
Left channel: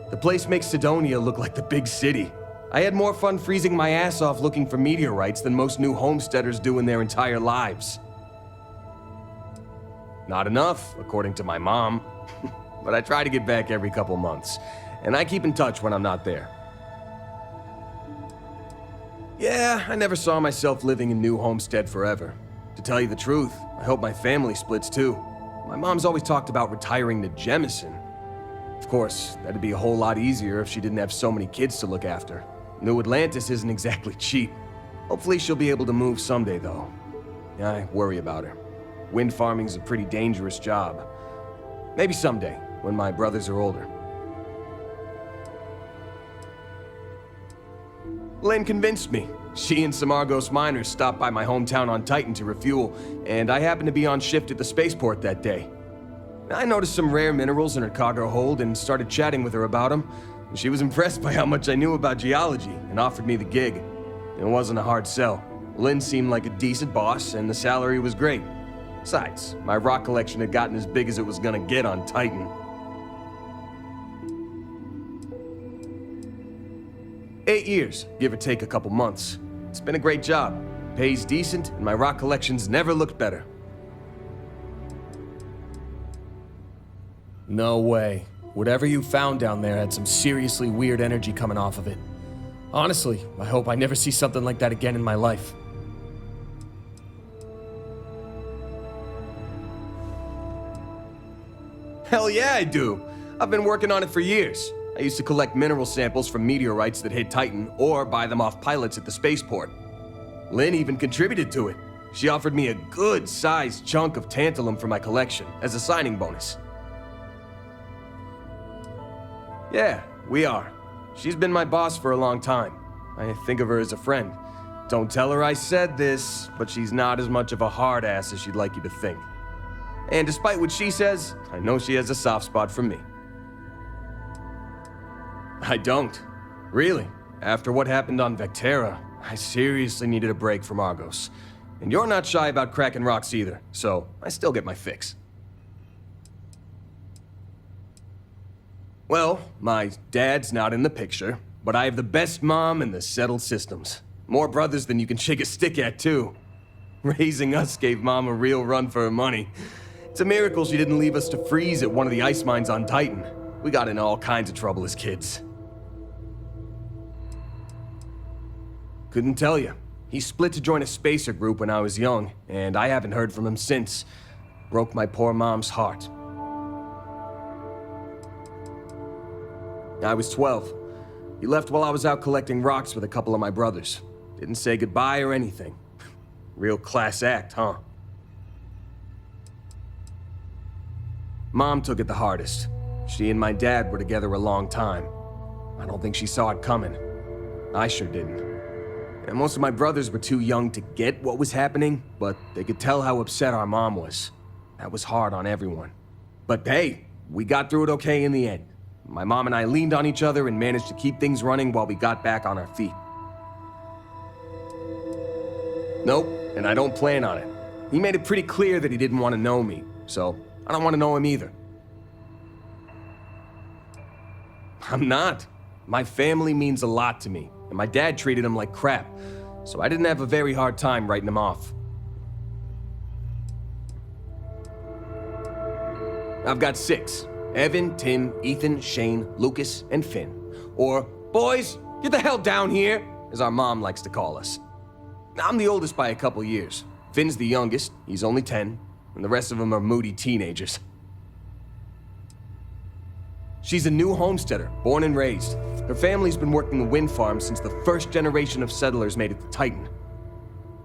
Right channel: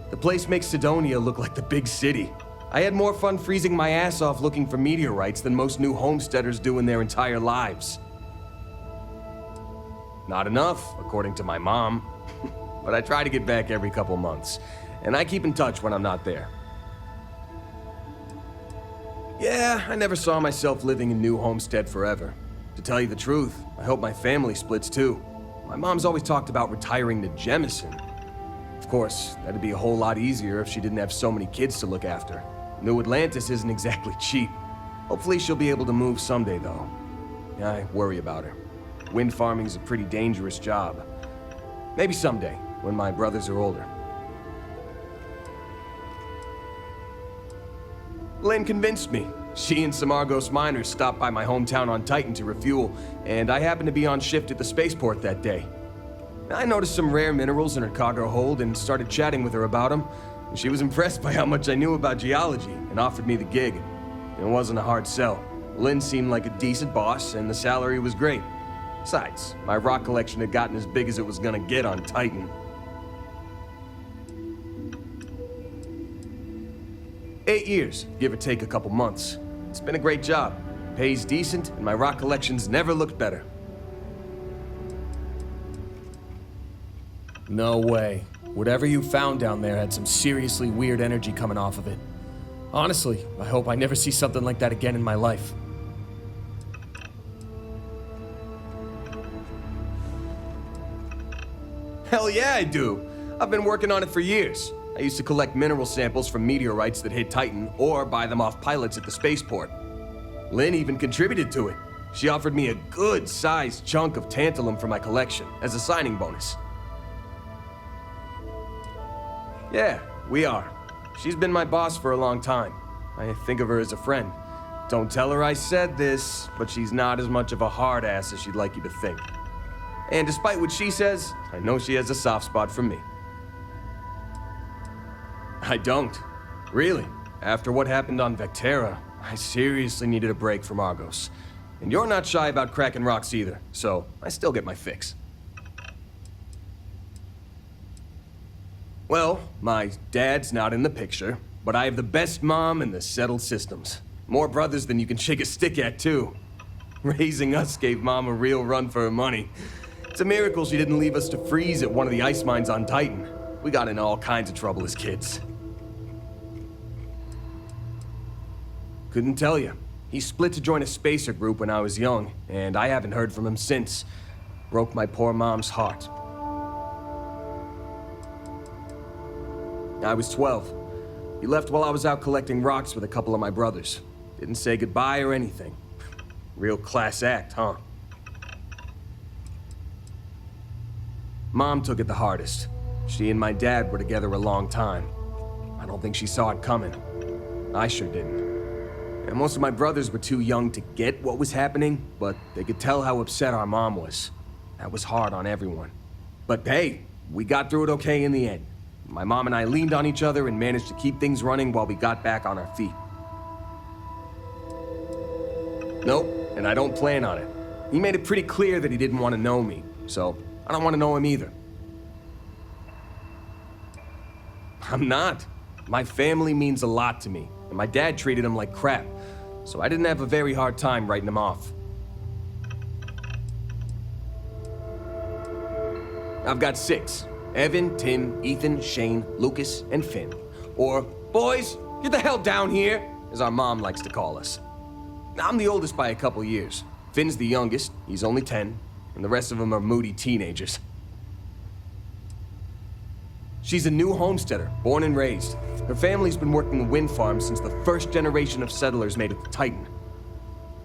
The place makes Sidonia look like the big city. I had more fun freezing my ass off looking for meteorites than most New Homesteaders do in their entire lives. Not enough, according to my mom. But I try to get back every couple months, and I keep in touch when I'm not there. Yeah, I never saw myself living in New Homestead forever. To tell you the truth, I hope my family splits too. My mom's always talked about retiring to Jemison. Of course, that'd be a whole lot easier if she didn't have so many kids to look after. New Atlantis isn't exactly cheap. Hopefully she'll be able to move someday, though. I worry about her. Wind farming's a pretty dangerous job. Maybe someday, when my brothers are older. Lynn convinced me. She and some Argos miners stopped by my hometown on Titan to refuel, and I happened to be on shift at the spaceport that day. I noticed some rare minerals in her cargo hold and started chatting with her about them. She was impressed by how much I knew about geology and offered me the gig. It wasn't a hard sell. Lynn seemed like a decent boss, and the salary was great. Besides, my rock collection had gotten as big as it was gonna get on Titan. "8 years, give or take a couple months. It's been a great job. Pays decent, and my rock collection's never looked better." No way. Whatever you found down there had some seriously weird energy coming off of it. Honestly, I hope I never see something like that again in my life. Hell yeah, I do. I've been working on it for years. I used to collect mineral samples from meteorites that hit Titan or buy them off pilots at the spaceport. Lynn even contributed to it. She offered me a good-sized chunk of tantalum for my collection as a signing bonus. Yeah, we are. She's been my boss for a long time. I think of her as a friend. Don't tell her I said this, but she's not as much of a hard ass as she'd like you to think. And despite what she says, I know she has a soft spot for me. I don't. Really. After what happened on Vectera, I seriously needed a break from Argos. And you're not shy about cracking rocks either, so I still get my fix. Well, my dad's not in the picture, but I have the best mom in the settled systems. More brothers than you can shake a stick at, too. Raising us gave Mom a real run for her money. It's a miracle she didn't leave us to freeze at one of the ice mines on Titan. We got into all kinds of trouble as kids. Couldn't tell you. He split to join a spacer group when I was young, and I haven't heard from him since. Broke my poor mom's heart. I was 12. He left while I was out collecting rocks with a couple of my brothers. Didn't say goodbye or anything. Real class act, huh? Mom took it the hardest. She and my dad were together a long time. I don't think she saw it coming. I sure didn't. And most of my brothers were too young to get what was happening, but they could tell how upset our mom was. That was hard on everyone. But hey, we got through it okay in the end. My mom and I leaned on each other and managed to keep things running while we got back on our feet. Nope, and I don't plan on it. He made it pretty clear that he didn't want to know me, so I don't want to know him either. I'm not. My family means a lot to me, and my dad treated him like crap, so I didn't have a very hard time writing him off. I've got 6. Evan, Tim, Ethan, Shane, Lucas, and Finn. Or, boys, get the hell down here, as our mom likes to call us. I'm the oldest by a couple years. Finn's the youngest, he's only 10, and the rest of them are moody teenagers. She's a new homesteader, born and raised. Her family's been working the wind farm since the first generation of settlers made it to Titan.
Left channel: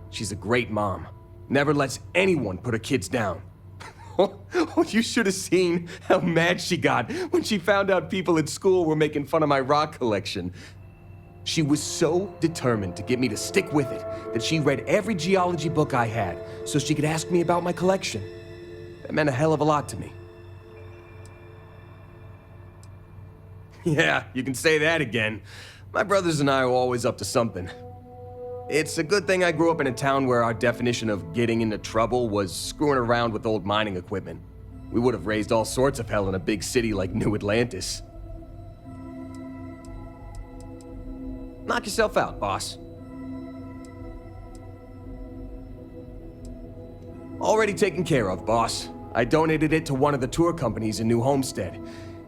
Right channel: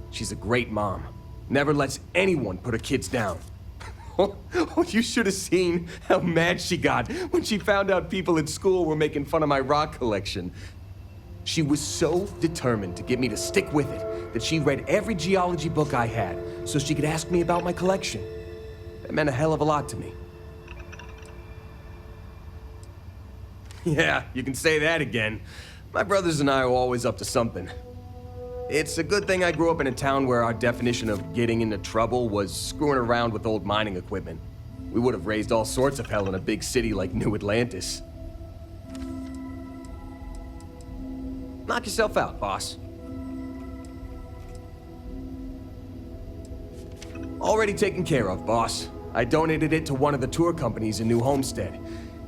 She's a great mom. Never lets anyone put her kids down. Oh, you should have seen how mad she got when she found out people at school were making fun of my rock collection. She was so determined to get me to stick with it that she read every geology book I had so she could ask me about my collection. That meant a hell of a lot to me. Yeah, you can say that again. My brothers and I are always up to something. It's a good thing I grew up in a town where our definition of getting into trouble was screwing around with old mining equipment. We would have raised all sorts of hell in a big city like New Atlantis. Knock yourself out, boss. Already taken care of, boss. I donated it to one of the tour companies in New Homestead.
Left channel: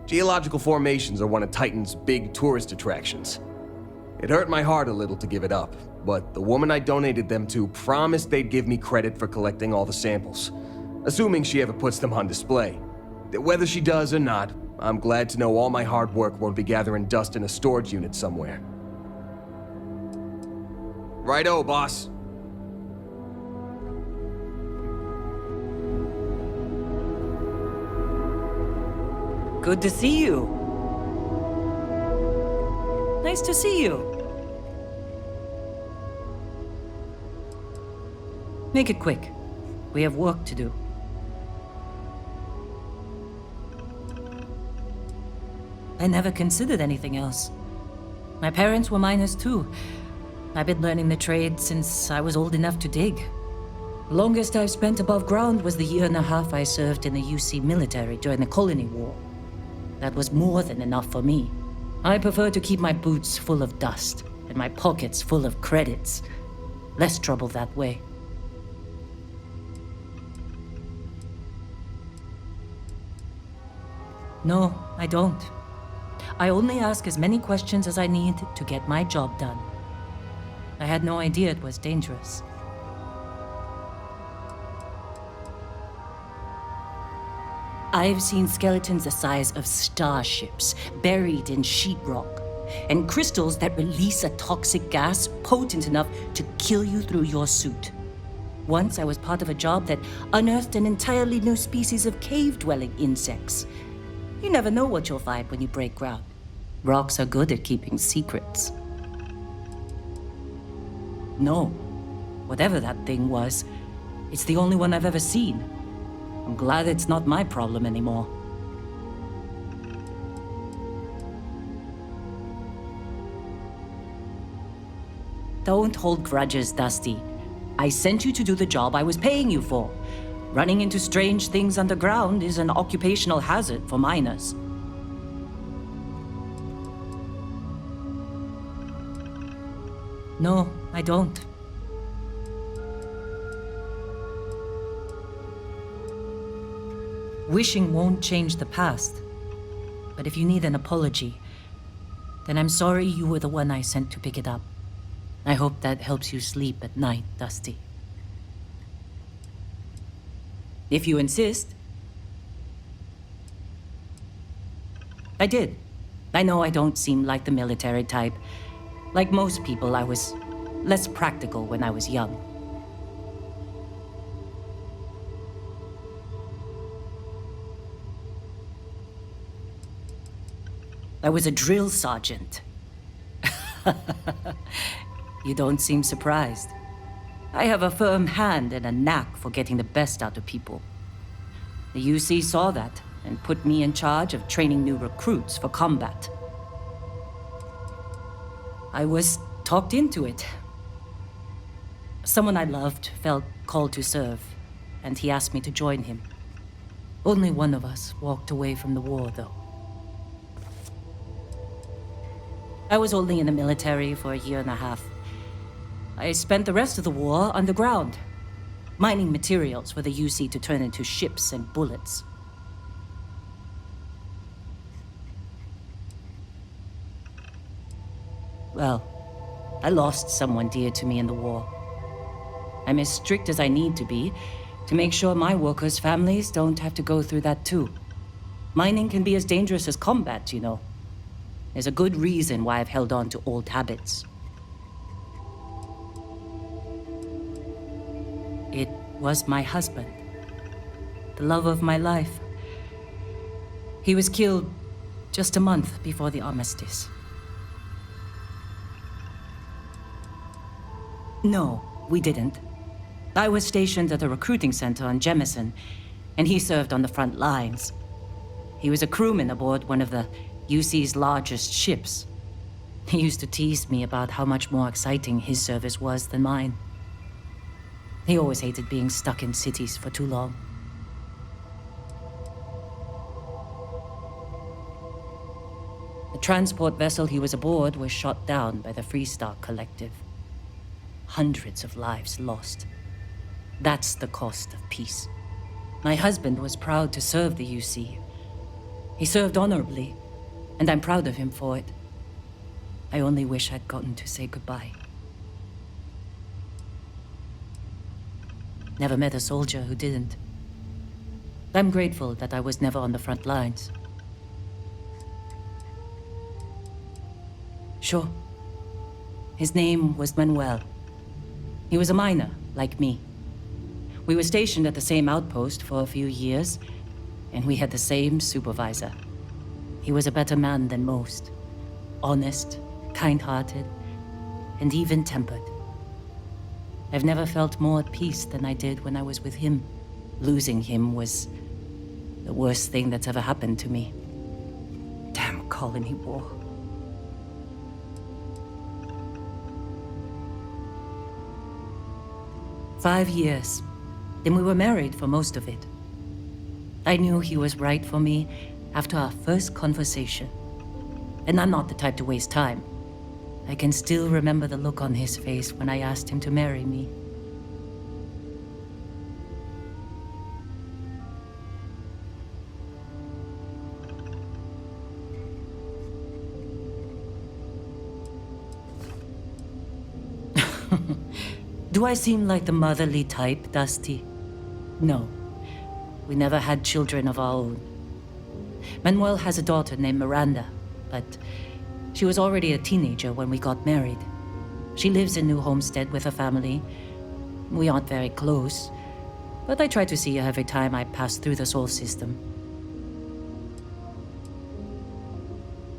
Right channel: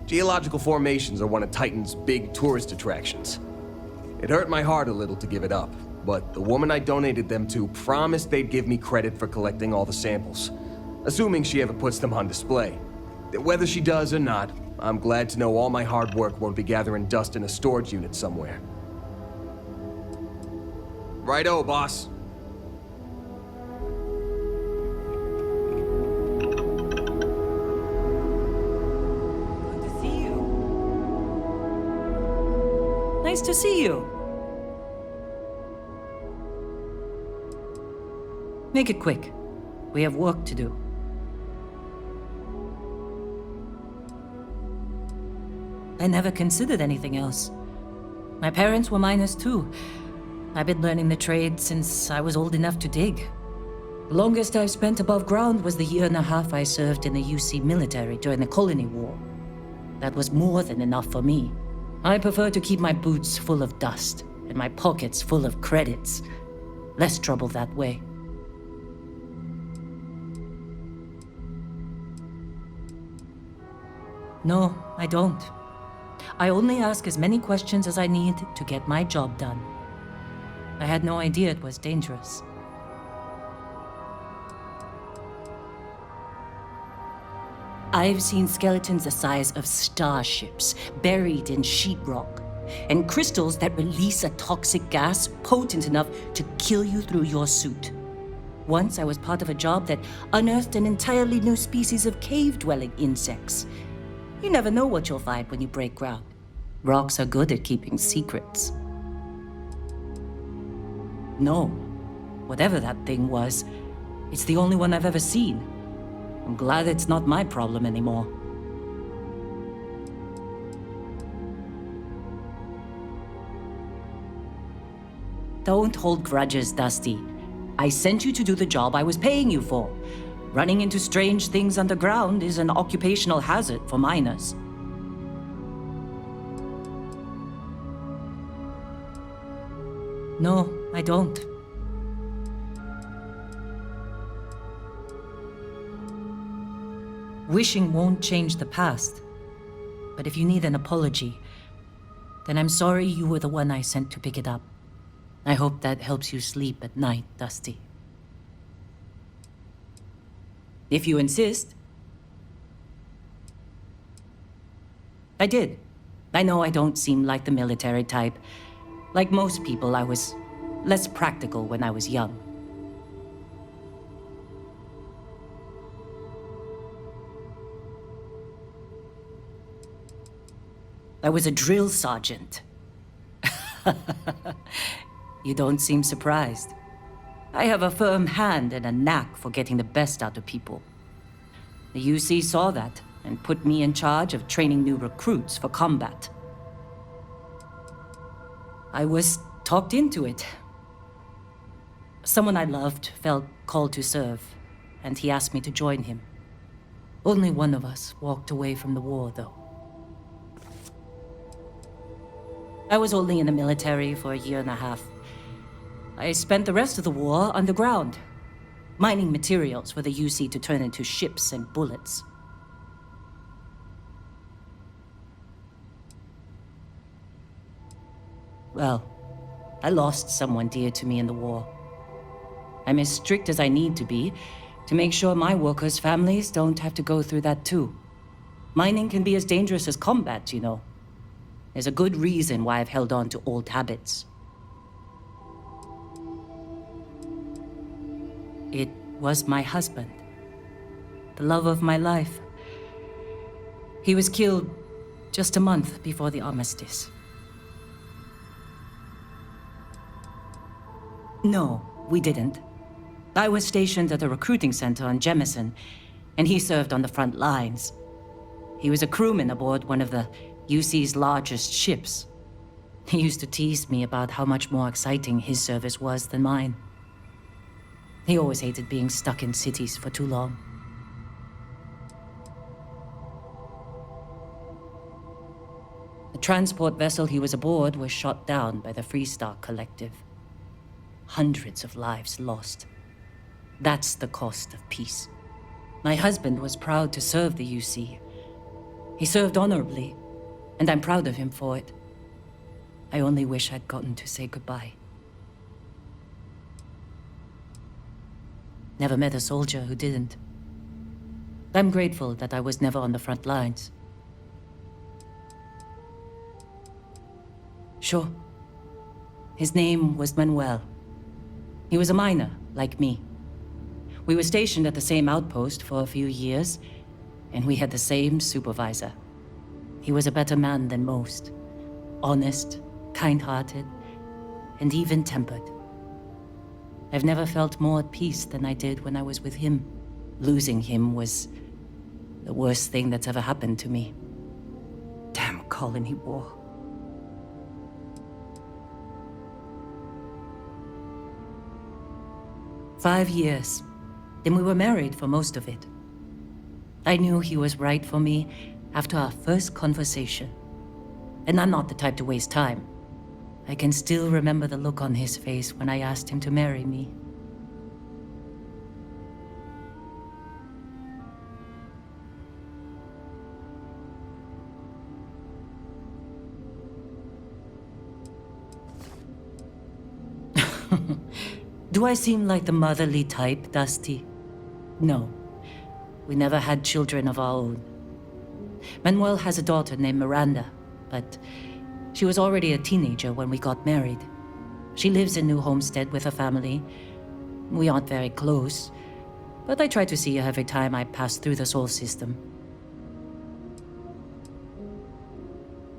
Geological formations are one of Titan's big tourist attractions. It hurt my heart a little to give it up, but the woman I donated them to promised they'd give me credit for collecting all the samples, assuming she ever puts them on display. Whether she does or not, I'm glad to know all my hard work won't be gathering dust in a storage unit somewhere. Righto, boss. Good to see you. Nice to see you. Make it quick. We have work to do. I never considered anything else. My parents were miners too. I've been learning the trade since I was old enough to dig. The longest I've spent above ground was the year and a half I served in the UC military during the Colony War. That was more than enough for me. I prefer to keep my boots full of dust and my pockets full of credits. Less trouble that way. No, I don't. I only ask as many questions as I need to get my job done. I had no idea it was dangerous. I've seen skeletons the size of starships buried in sheetrock, and crystals that release a toxic gas potent enough to kill you through your suit. Once I was part of a job that unearthed an entirely new species of cave-dwelling insects. You never know what you'll find when you break ground. Rocks are good at keeping secrets. No, whatever that thing was, it's the only one I've ever seen. I'm glad it's not my problem anymore. Don't hold grudges, Dusty. I sent you to do the job I was paying you for. Running into strange things underground is an occupational hazard for miners. No, I don't. Wishing won't change the past. But if you need an apology, then I'm sorry you were the one I sent to pick it up. I hope that helps you sleep at night, Dusty. If you insist. I did. I know I don't seem like the military type. Like most people, I was less practical when I was young. I was a drill sergeant. You don't seem surprised. I have a firm hand and a knack for getting the best out of people. The UC saw that and put me in charge of training new recruits for combat. I was talked into it. Someone I loved felt called to serve, and he asked me to join him. Only one of us walked away from the war, though. I was only in the military for a year and a half. I spent the rest of the war underground, mining materials for the UC to turn into ships and bullets. Well, I lost someone dear to me in the war. I'm as strict as I need to be to make sure my workers' families don't have to go through that too. Mining can be as dangerous as combat, you know. There's a good reason why I've held on to old habits. It was my husband, the love of my life. He was killed just a month before the armistice. No, we didn't. I was stationed at a recruiting center on Jemison, and he served on the front lines. He was a crewman aboard one of the UC's largest ships. He used to tease me about how much more exciting his service was than mine. He always hated being stuck in cities for too long. The transport vessel he was aboard was shot down by the Freestar Collective. Hundreds of lives lost. That's the cost of peace. My husband was proud to serve the UC. He served honorably, and I'm proud of him for it. I only wish I'd gotten to say goodbye. Never met a soldier who didn't. I'm grateful that I was never on the front lines. Sure. His name was Manuel. He was a miner, like me. We were stationed at the same outpost for a few years, and we had the same supervisor. He was a better man than most. Honest, kind-hearted, and even-tempered. I've never felt more at peace than I did when I was with him. Losing him was the worst thing that's ever happened to me. Damn colony war. "5 years. Then we were married for most of it. I knew he was right for me after our first conversation. And I'm not the type to waste time. I can still remember the look on his face when I asked him to marry me. Do I seem like the motherly type, Dusty? No. We never had children of our own. Manuel has a daughter named Miranda, but she was already a teenager when we got married. She lives in New Homestead with her family. We aren't very close, but I try to see her every time I pass through the Sol system.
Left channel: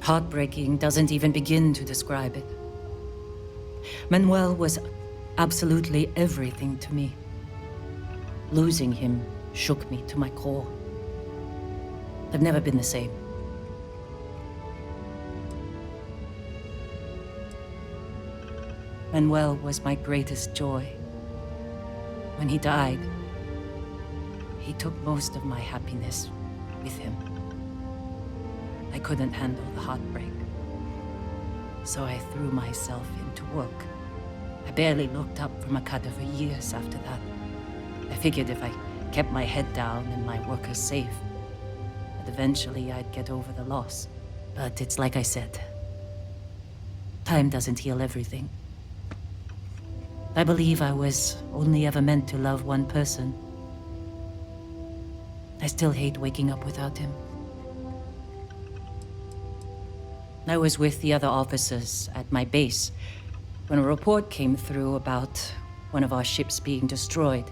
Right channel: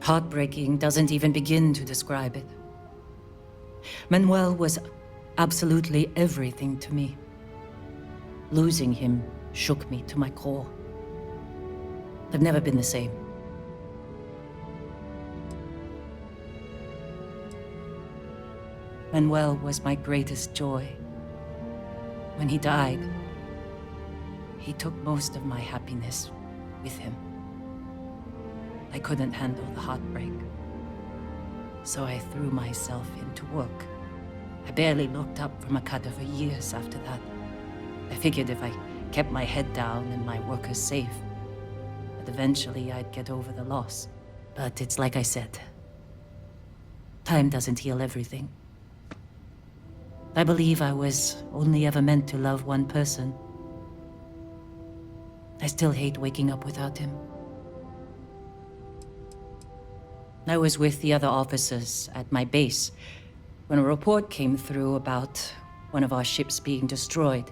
Heartbreaking doesn't even begin to describe it. Manuel was absolutely everything to me. Losing him shook me to my core. I've never been the same. Manuel was my greatest joy. When he died, he took most of my happiness with him. I couldn't handle the heartbreak, so I threw myself into work. I barely looked up from a cutter for years after that. I figured if I kept my head down and my workers safe, that eventually I'd get over the loss. But it's like I said, time doesn't heal everything. I believe I was only ever meant to love one person. I still hate waking up without him. I was with the other officers at my base when a report came through about one of our ships being destroyed.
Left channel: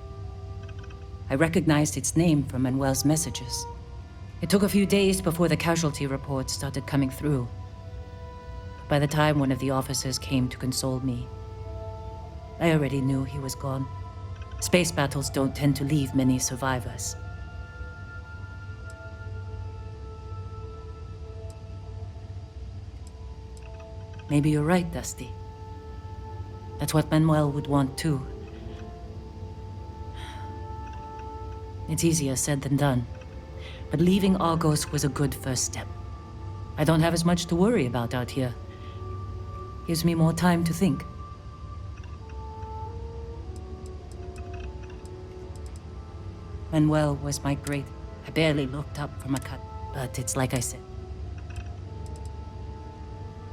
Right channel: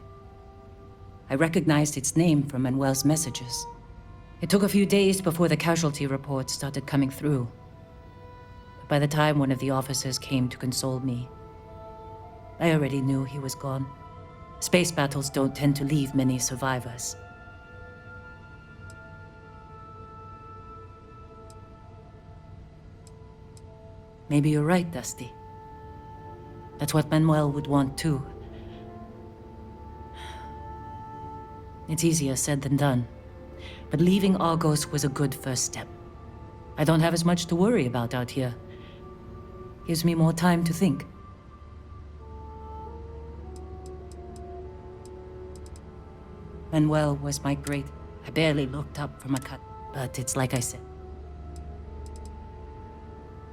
I recognized its name from Manuel's messages. It took a few days before the casualty reports started coming through. But by the time one of the officers came to console me, I already knew he was gone. Space battles don't tend to leave many survivors. Maybe you're right, Dusty. That's what Manuel would want too. It's easier said than done, but leaving Argos was a good first step. I don't have as much to worry about out here. Gives me more time to think. Manuel was my great... I barely looked up from a cut, but it's like I said.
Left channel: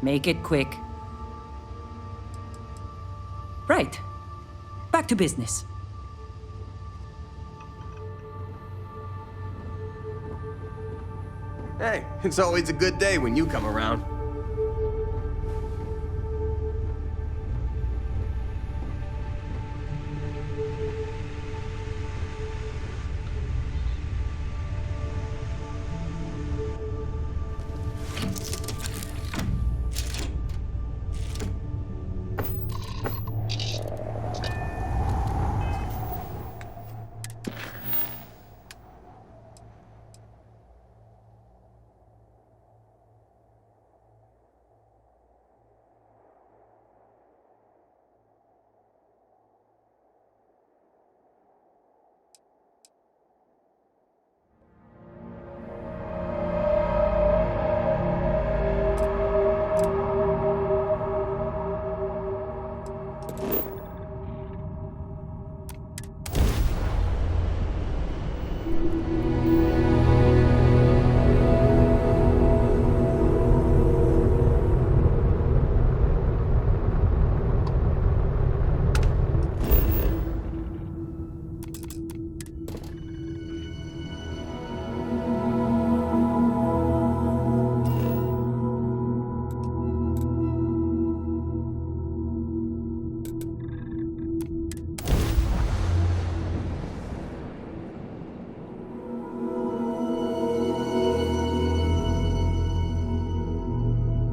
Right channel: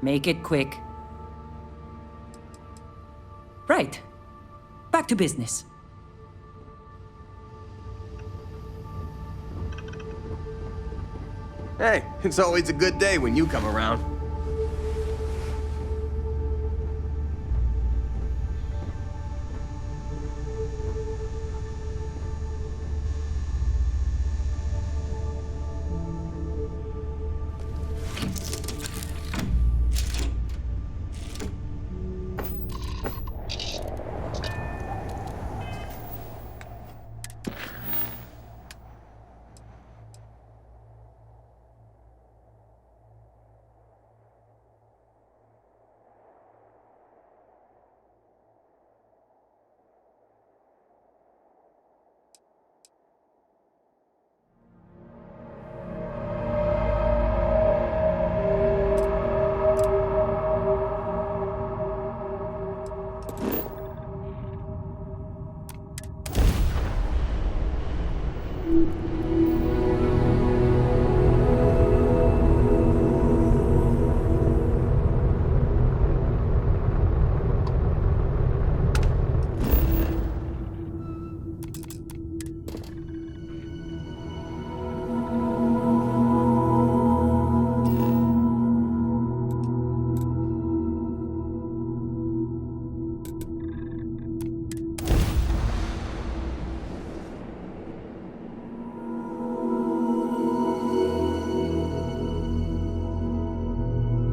Make it quick. Right. Back to business. Hey, it's always a good day when you come around.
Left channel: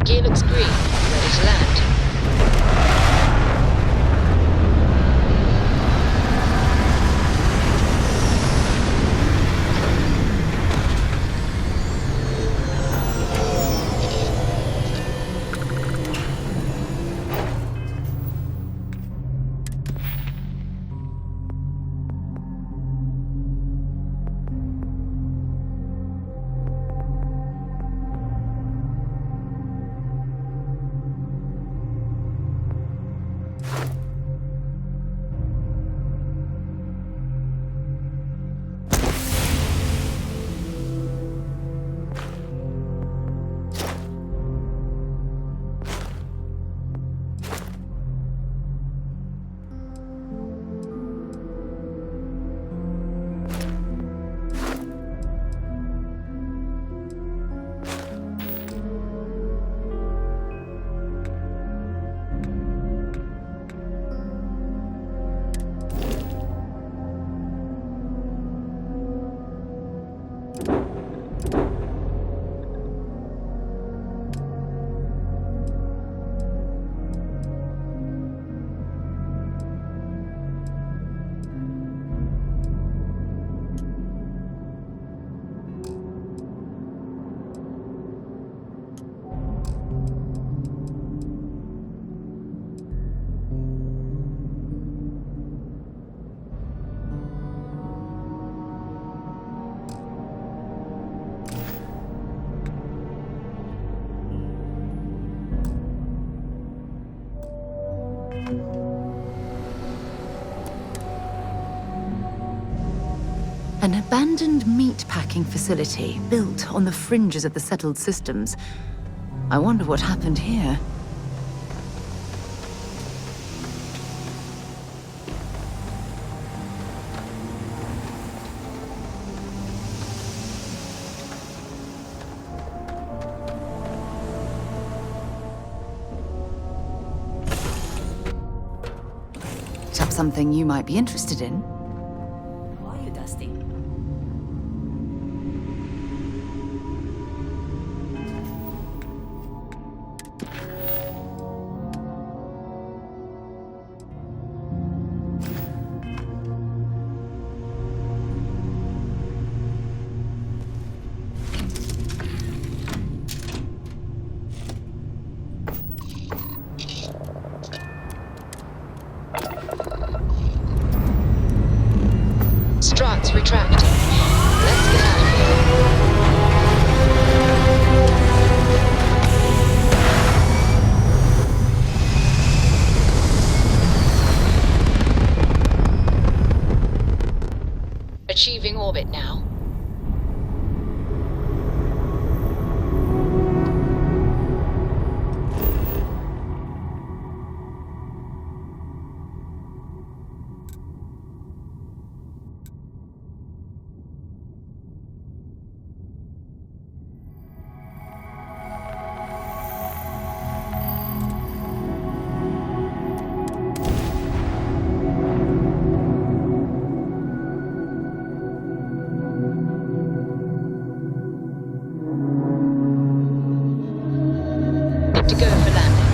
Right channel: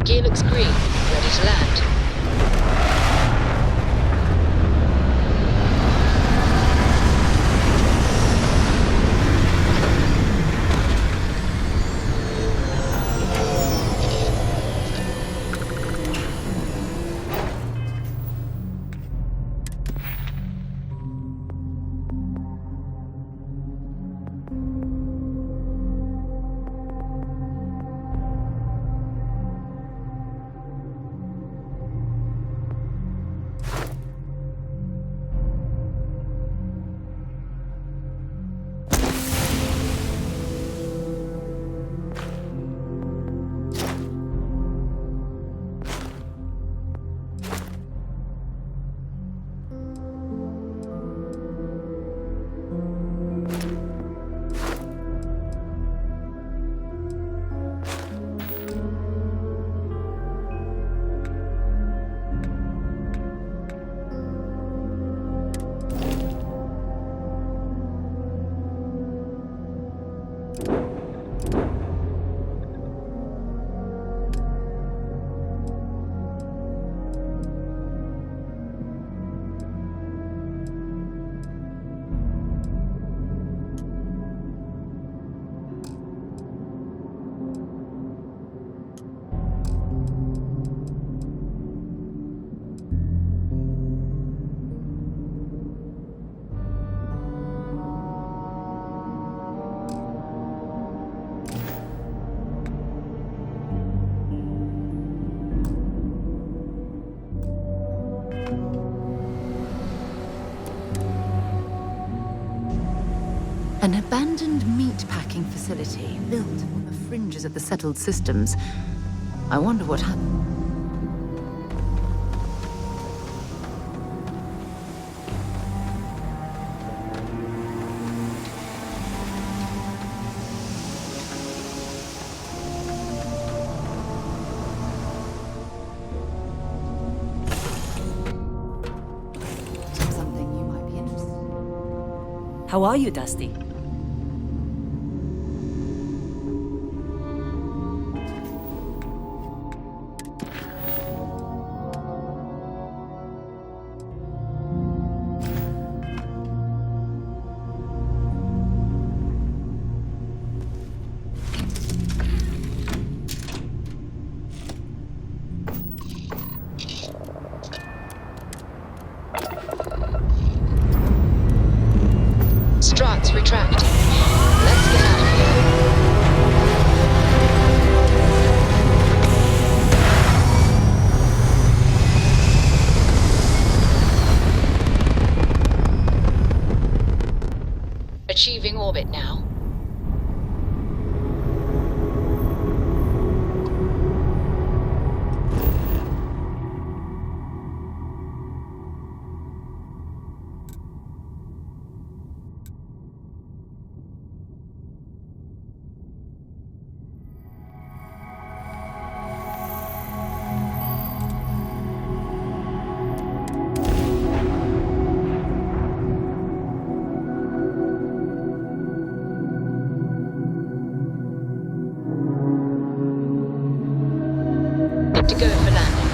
Gear looks green. Ready to land. An abandoned meat-packing facility built on the fringes of the settled systems. I wonder what happened here. Something you might be interested in. How are you, Dusty? Struts retracting. Let's get out of here. Achieving orbit now. To go for landing.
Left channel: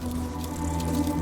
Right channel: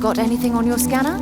Got anything on your scanner?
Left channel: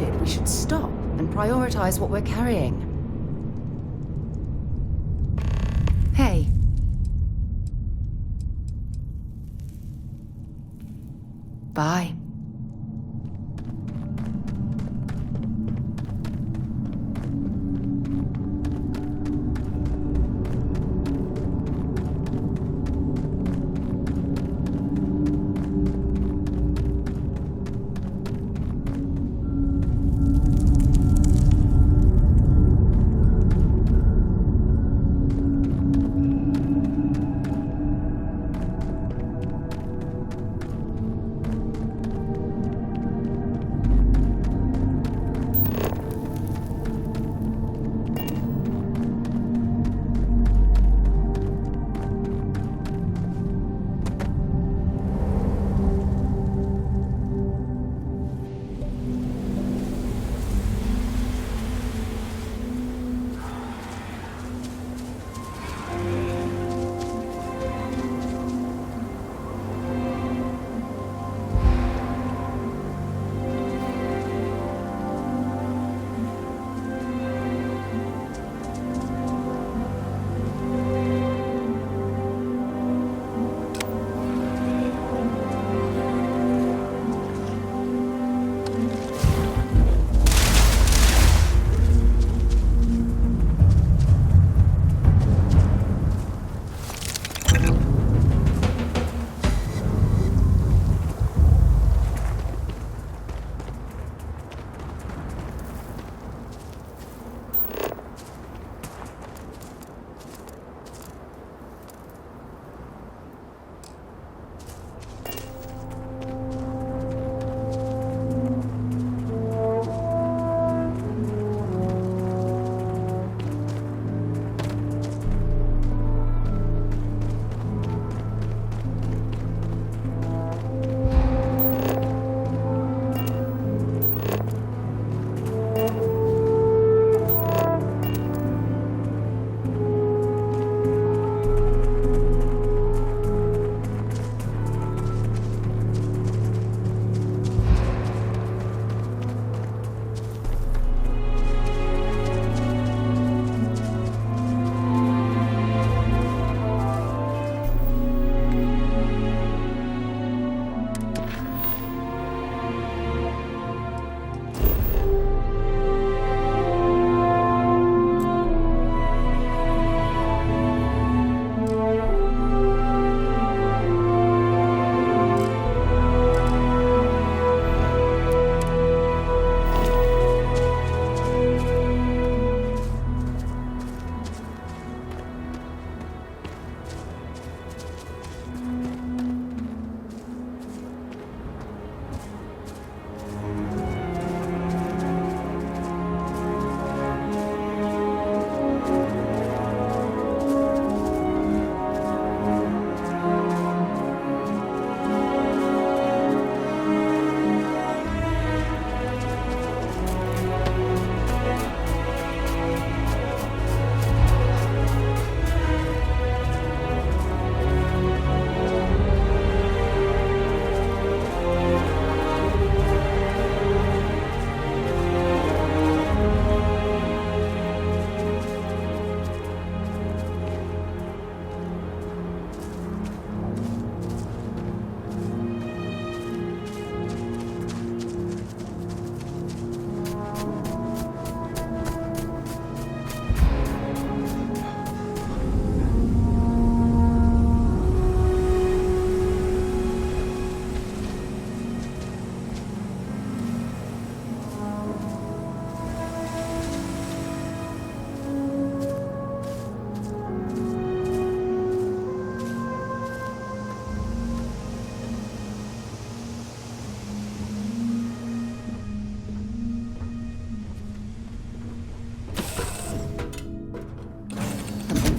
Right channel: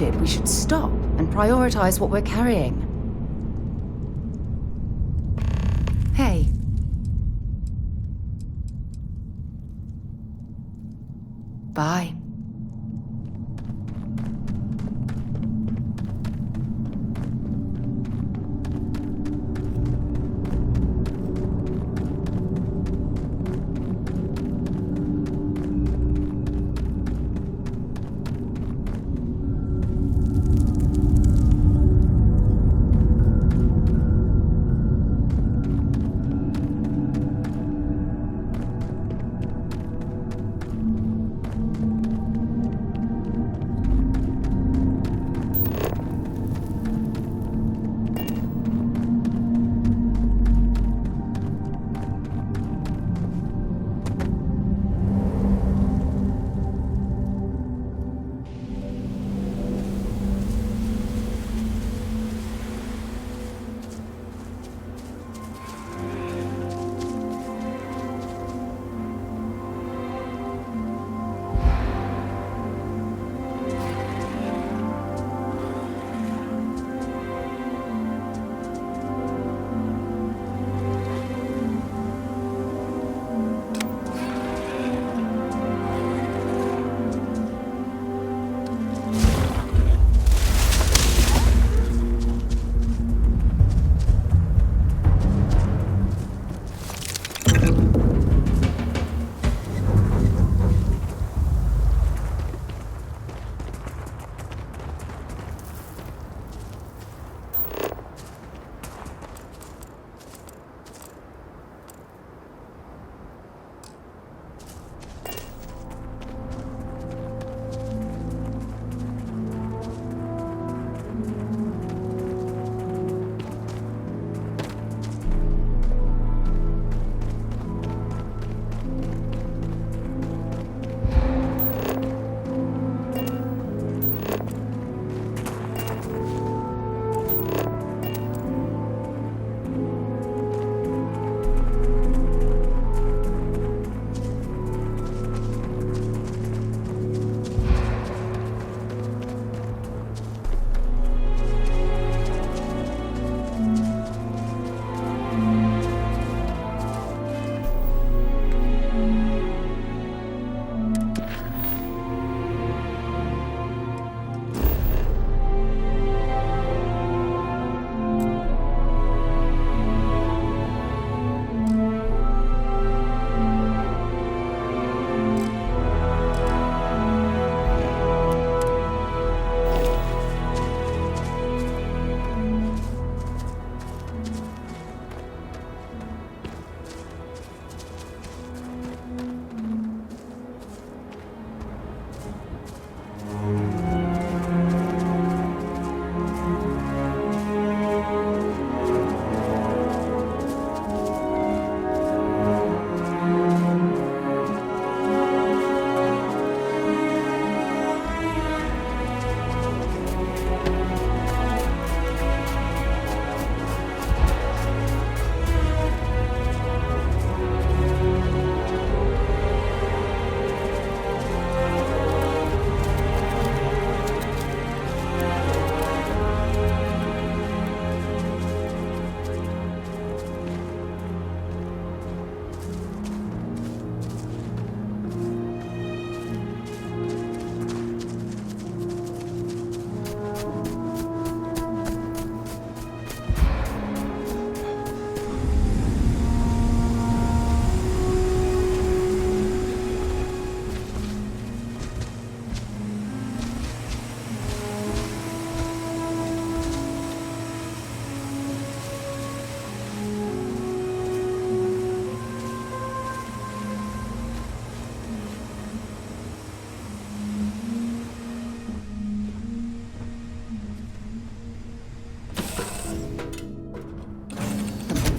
loaded, we should stop and prioritize what we're carrying. Hey. Bye.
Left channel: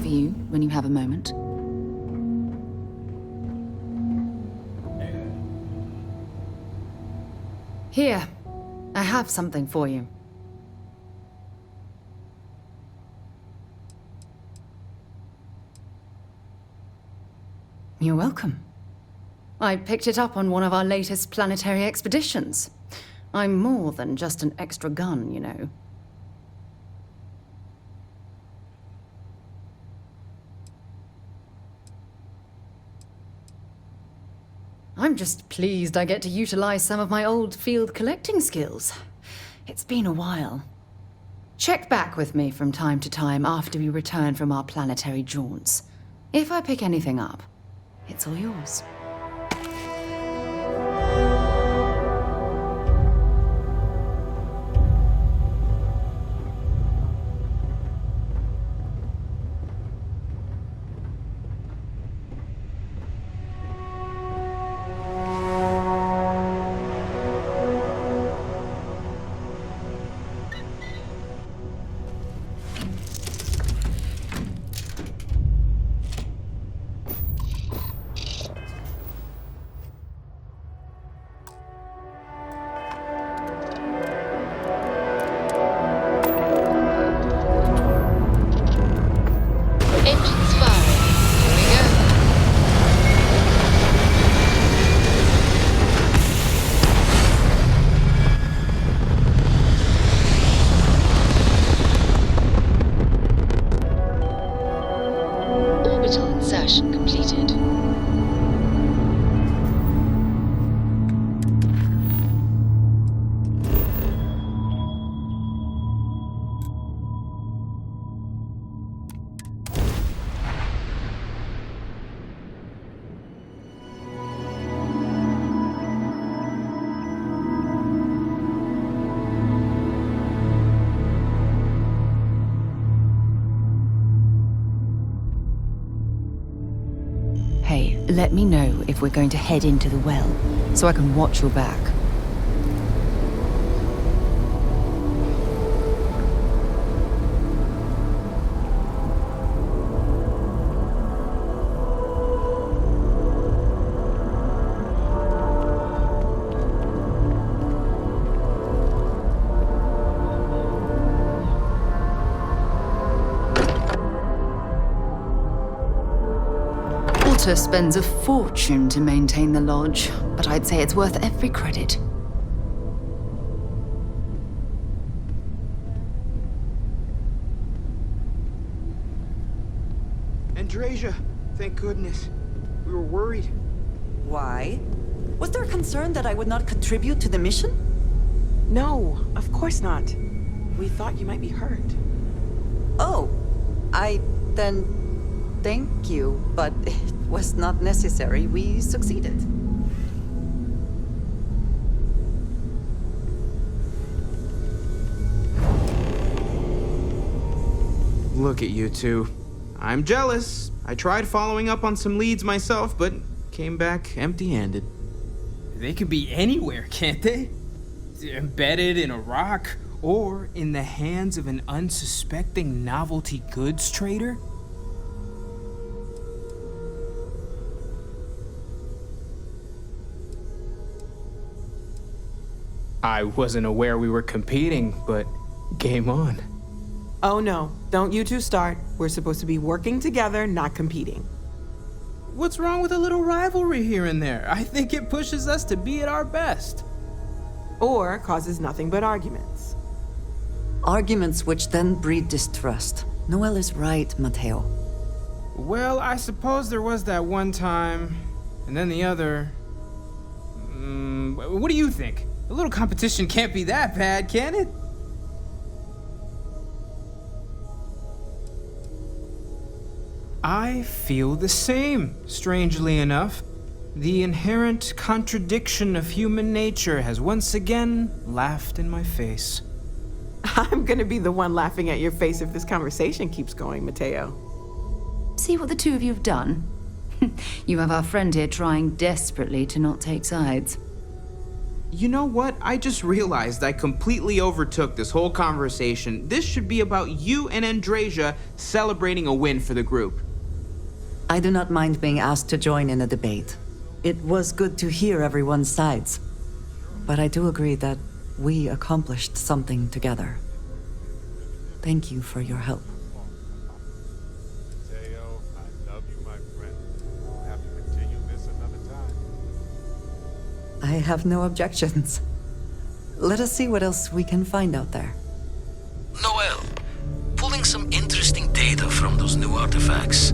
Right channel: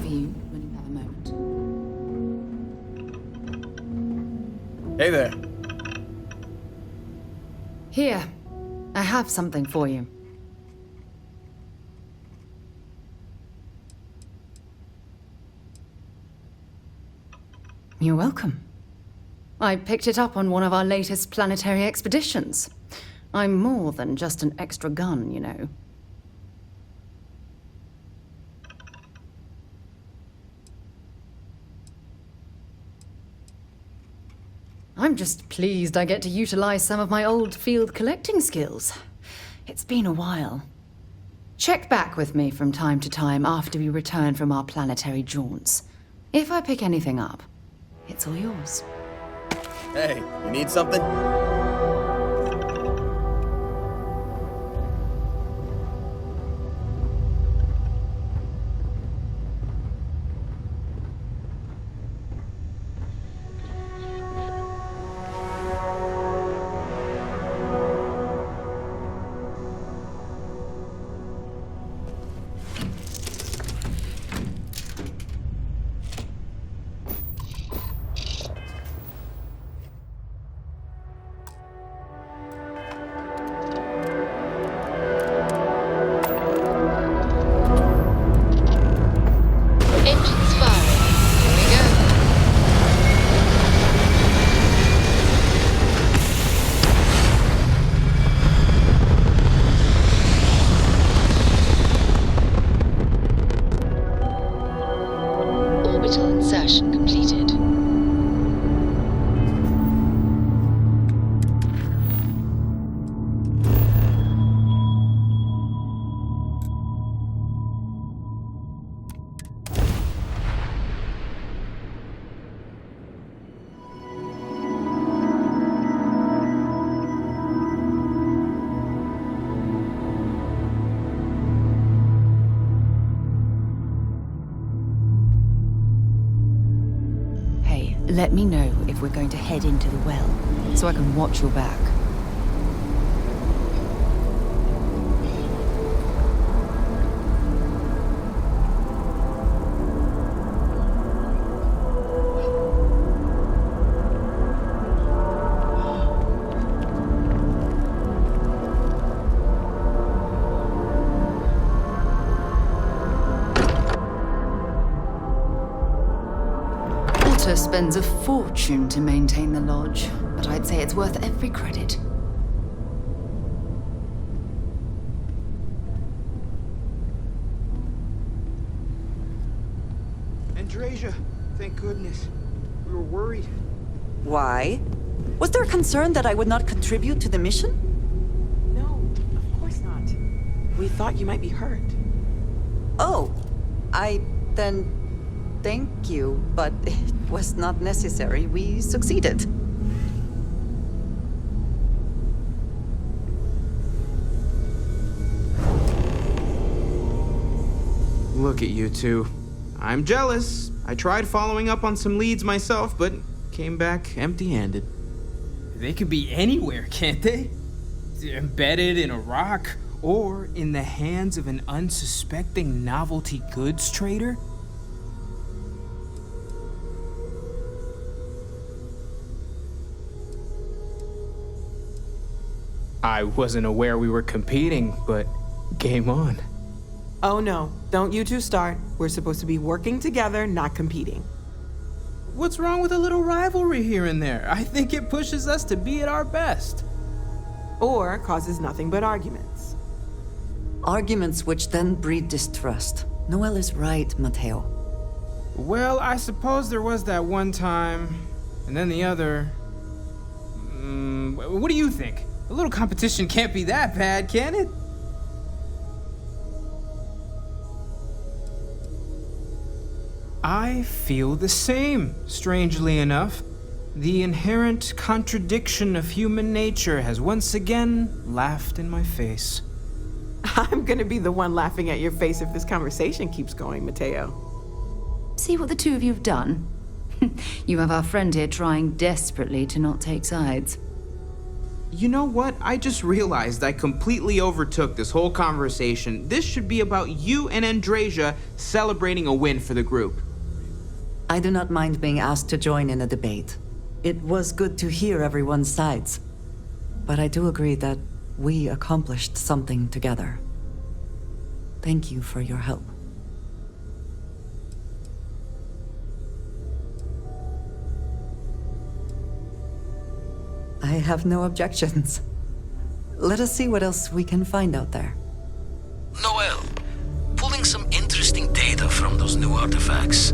you when you have a moment. Hey there. Here, I have something for you. You're welcome. I picked it up on one of our latest planetary expeditions. I'm more than just an extra gun, you know. I'm just pleased I get to utilize some of my old field collecting skills. It's been a while. Check back with me from time to time after we return from our planetary jaunts. If I pick anything up, it's all yours. Hey, you need something? Engines firing. Here we go. Orbital insertion completed. Hey, let me know if we're going to head into the well, so I can watch your back. Walter spends a fortune to maintain the lodge, but I'd say it's worth every credit. Andrasia, thank goodness. We were worried. Why? Was there a concern that I would not contribute to the mission? No, of course not. We thought you might be hurt. Oh, then thank you, but it was not necessary. We succeeded. Look at you two. I'm jealous. I tried following up on some leads myself, but came back empty-handed. They could be anywhere, can't they? Embedded in a rock, or in the hands of an unsuspecting novelty goods trader? I wasn't aware we were competing, but game on. Oh no, don't you two start. We're supposed to be working together, not competing. What's wrong with a little rivalry here and there? I think it pushes us to be at our best. Or causes nothing but arguments. Arguments which then breed distrust. Noel is right, Mateo. Well, I suppose there was that one time, and then the other. What do you think? A little competition can't be that bad, can it? I feel the same, strangely enough. The inherent contradiction of human nature has once again laughed in my face. I'm gonna be the one laughing at your face if this conversation keeps going, Mateo. See what the two of you have done? You have our friend here trying desperately to not take sides. You know what? I just realized I completely overtook this whole conversation. This should be about you and Andrasia celebrating a win for the group. I do not mind being asked to join in a debate. It was good to hear everyone's sides. But I do agree that we accomplished something together. Thank you for your help. I have no objections. let us see what else we can find out there. Noel, pulling some interesting data from those new artifacts.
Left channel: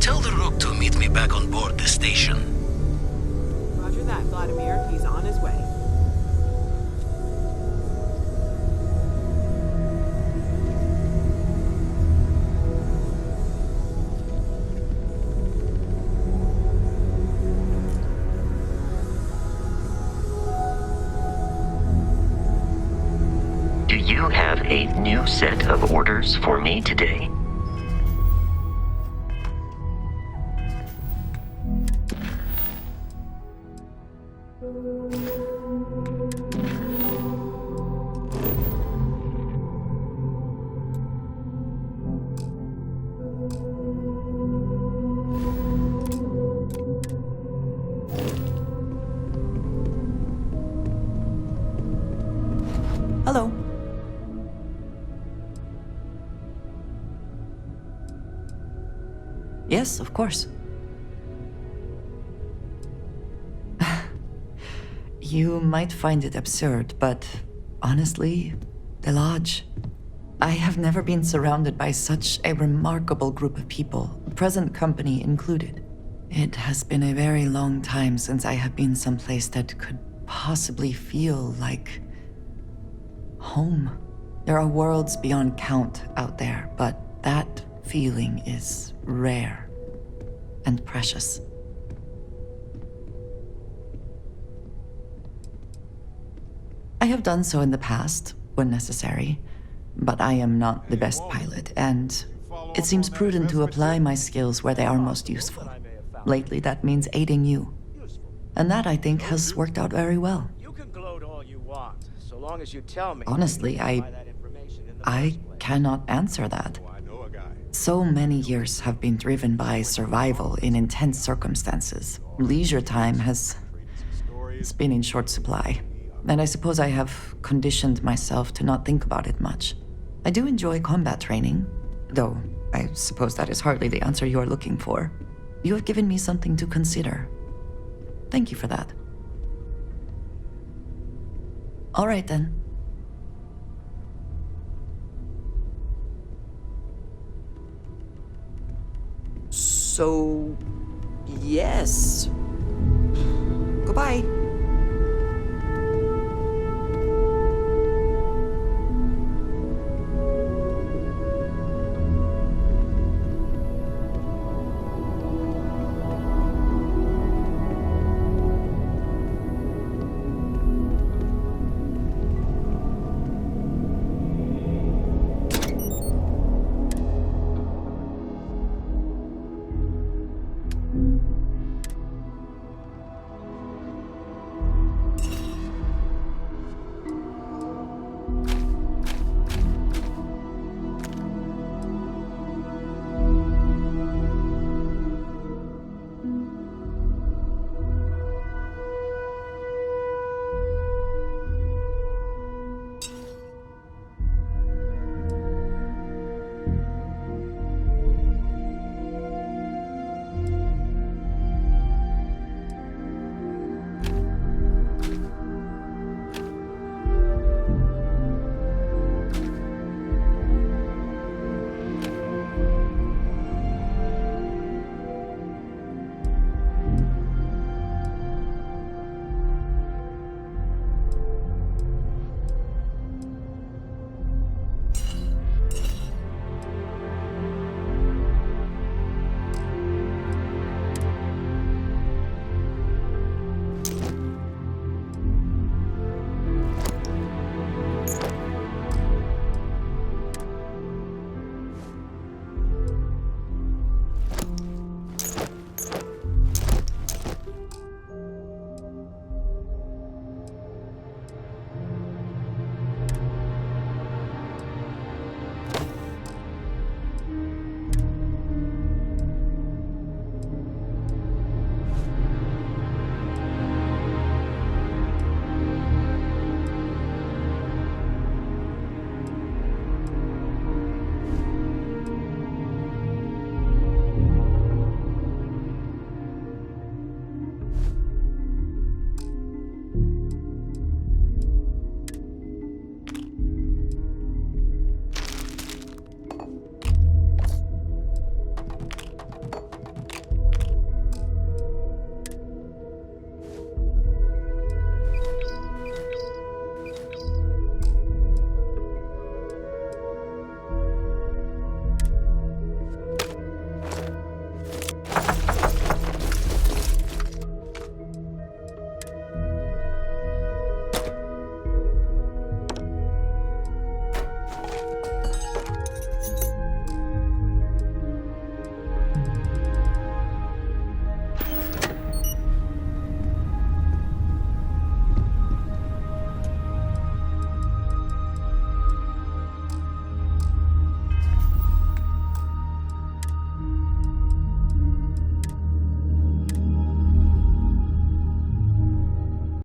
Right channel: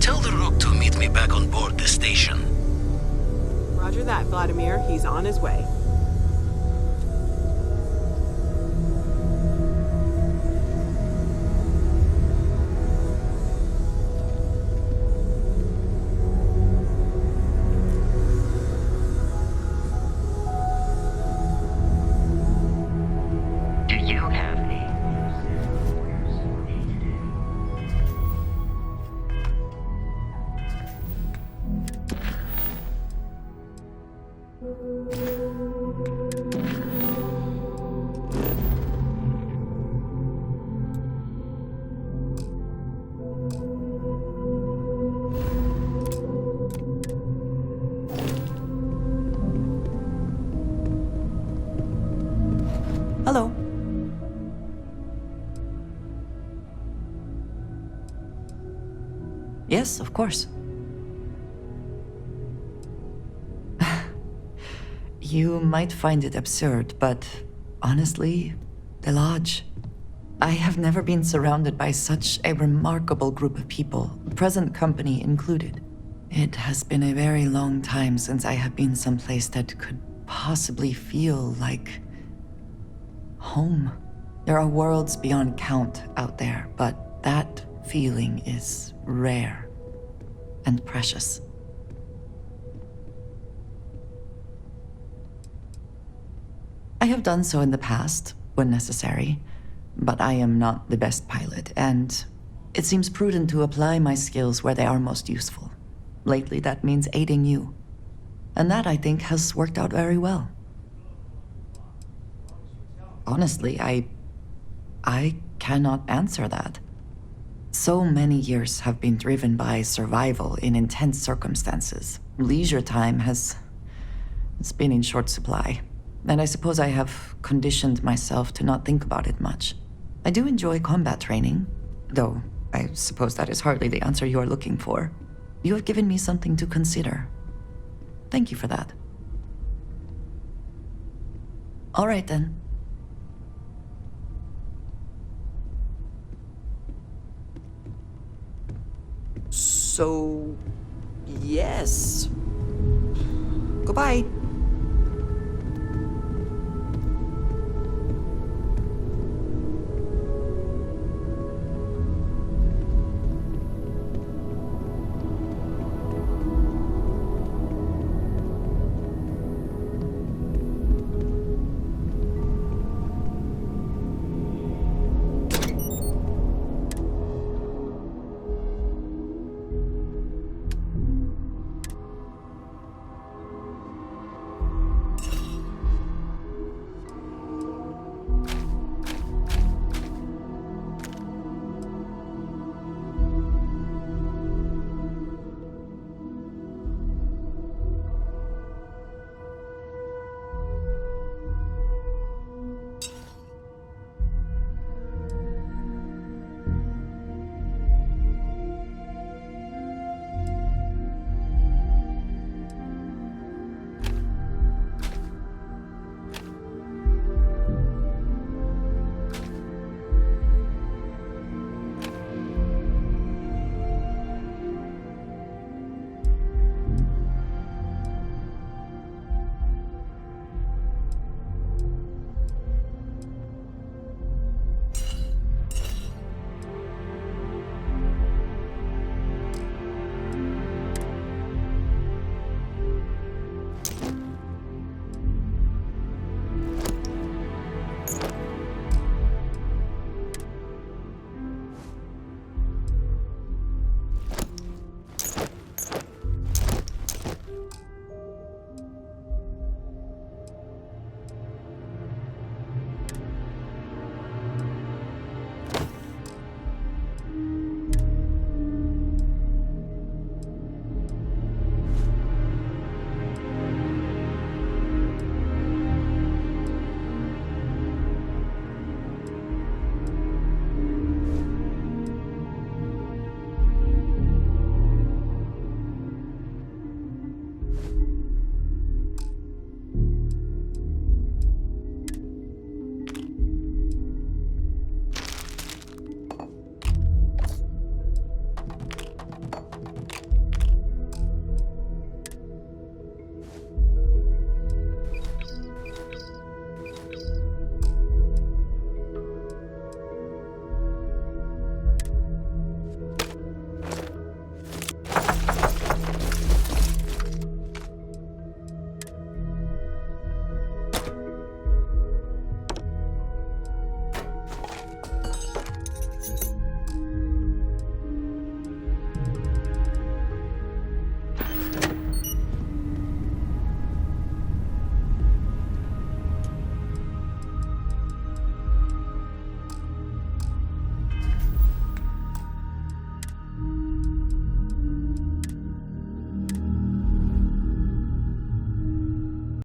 Tell the Rook to meet me back on board the station. Roger that, Vladimir. He's on his way. Do you have a new set of orders for me today? Hello. Yes, of course. You might find it absurd, but honestly, the Lodge. I have never been surrounded by such a remarkable group of people, present company included. It has been a very long time since I have been someplace that could possibly feel like home. There are worlds beyond count out there, but that feeling is rare and precious. I have done so in the past, when necessary, but I am not the best pilot, and it seems prudent to apply my skills where they are most useful. Lately, that means aiding you. And that, I think, has worked out very well. Honestly, I cannot answer that. So many years have been driven by survival in intense circumstances. Leisure time has been in short supply. And I suppose I have conditioned myself to not think about it much. I do enjoy combat training, though I suppose that is hardly the answer you are looking for. You have given me something to consider. Thank you for that. All right, then. So, yes. Goodbye.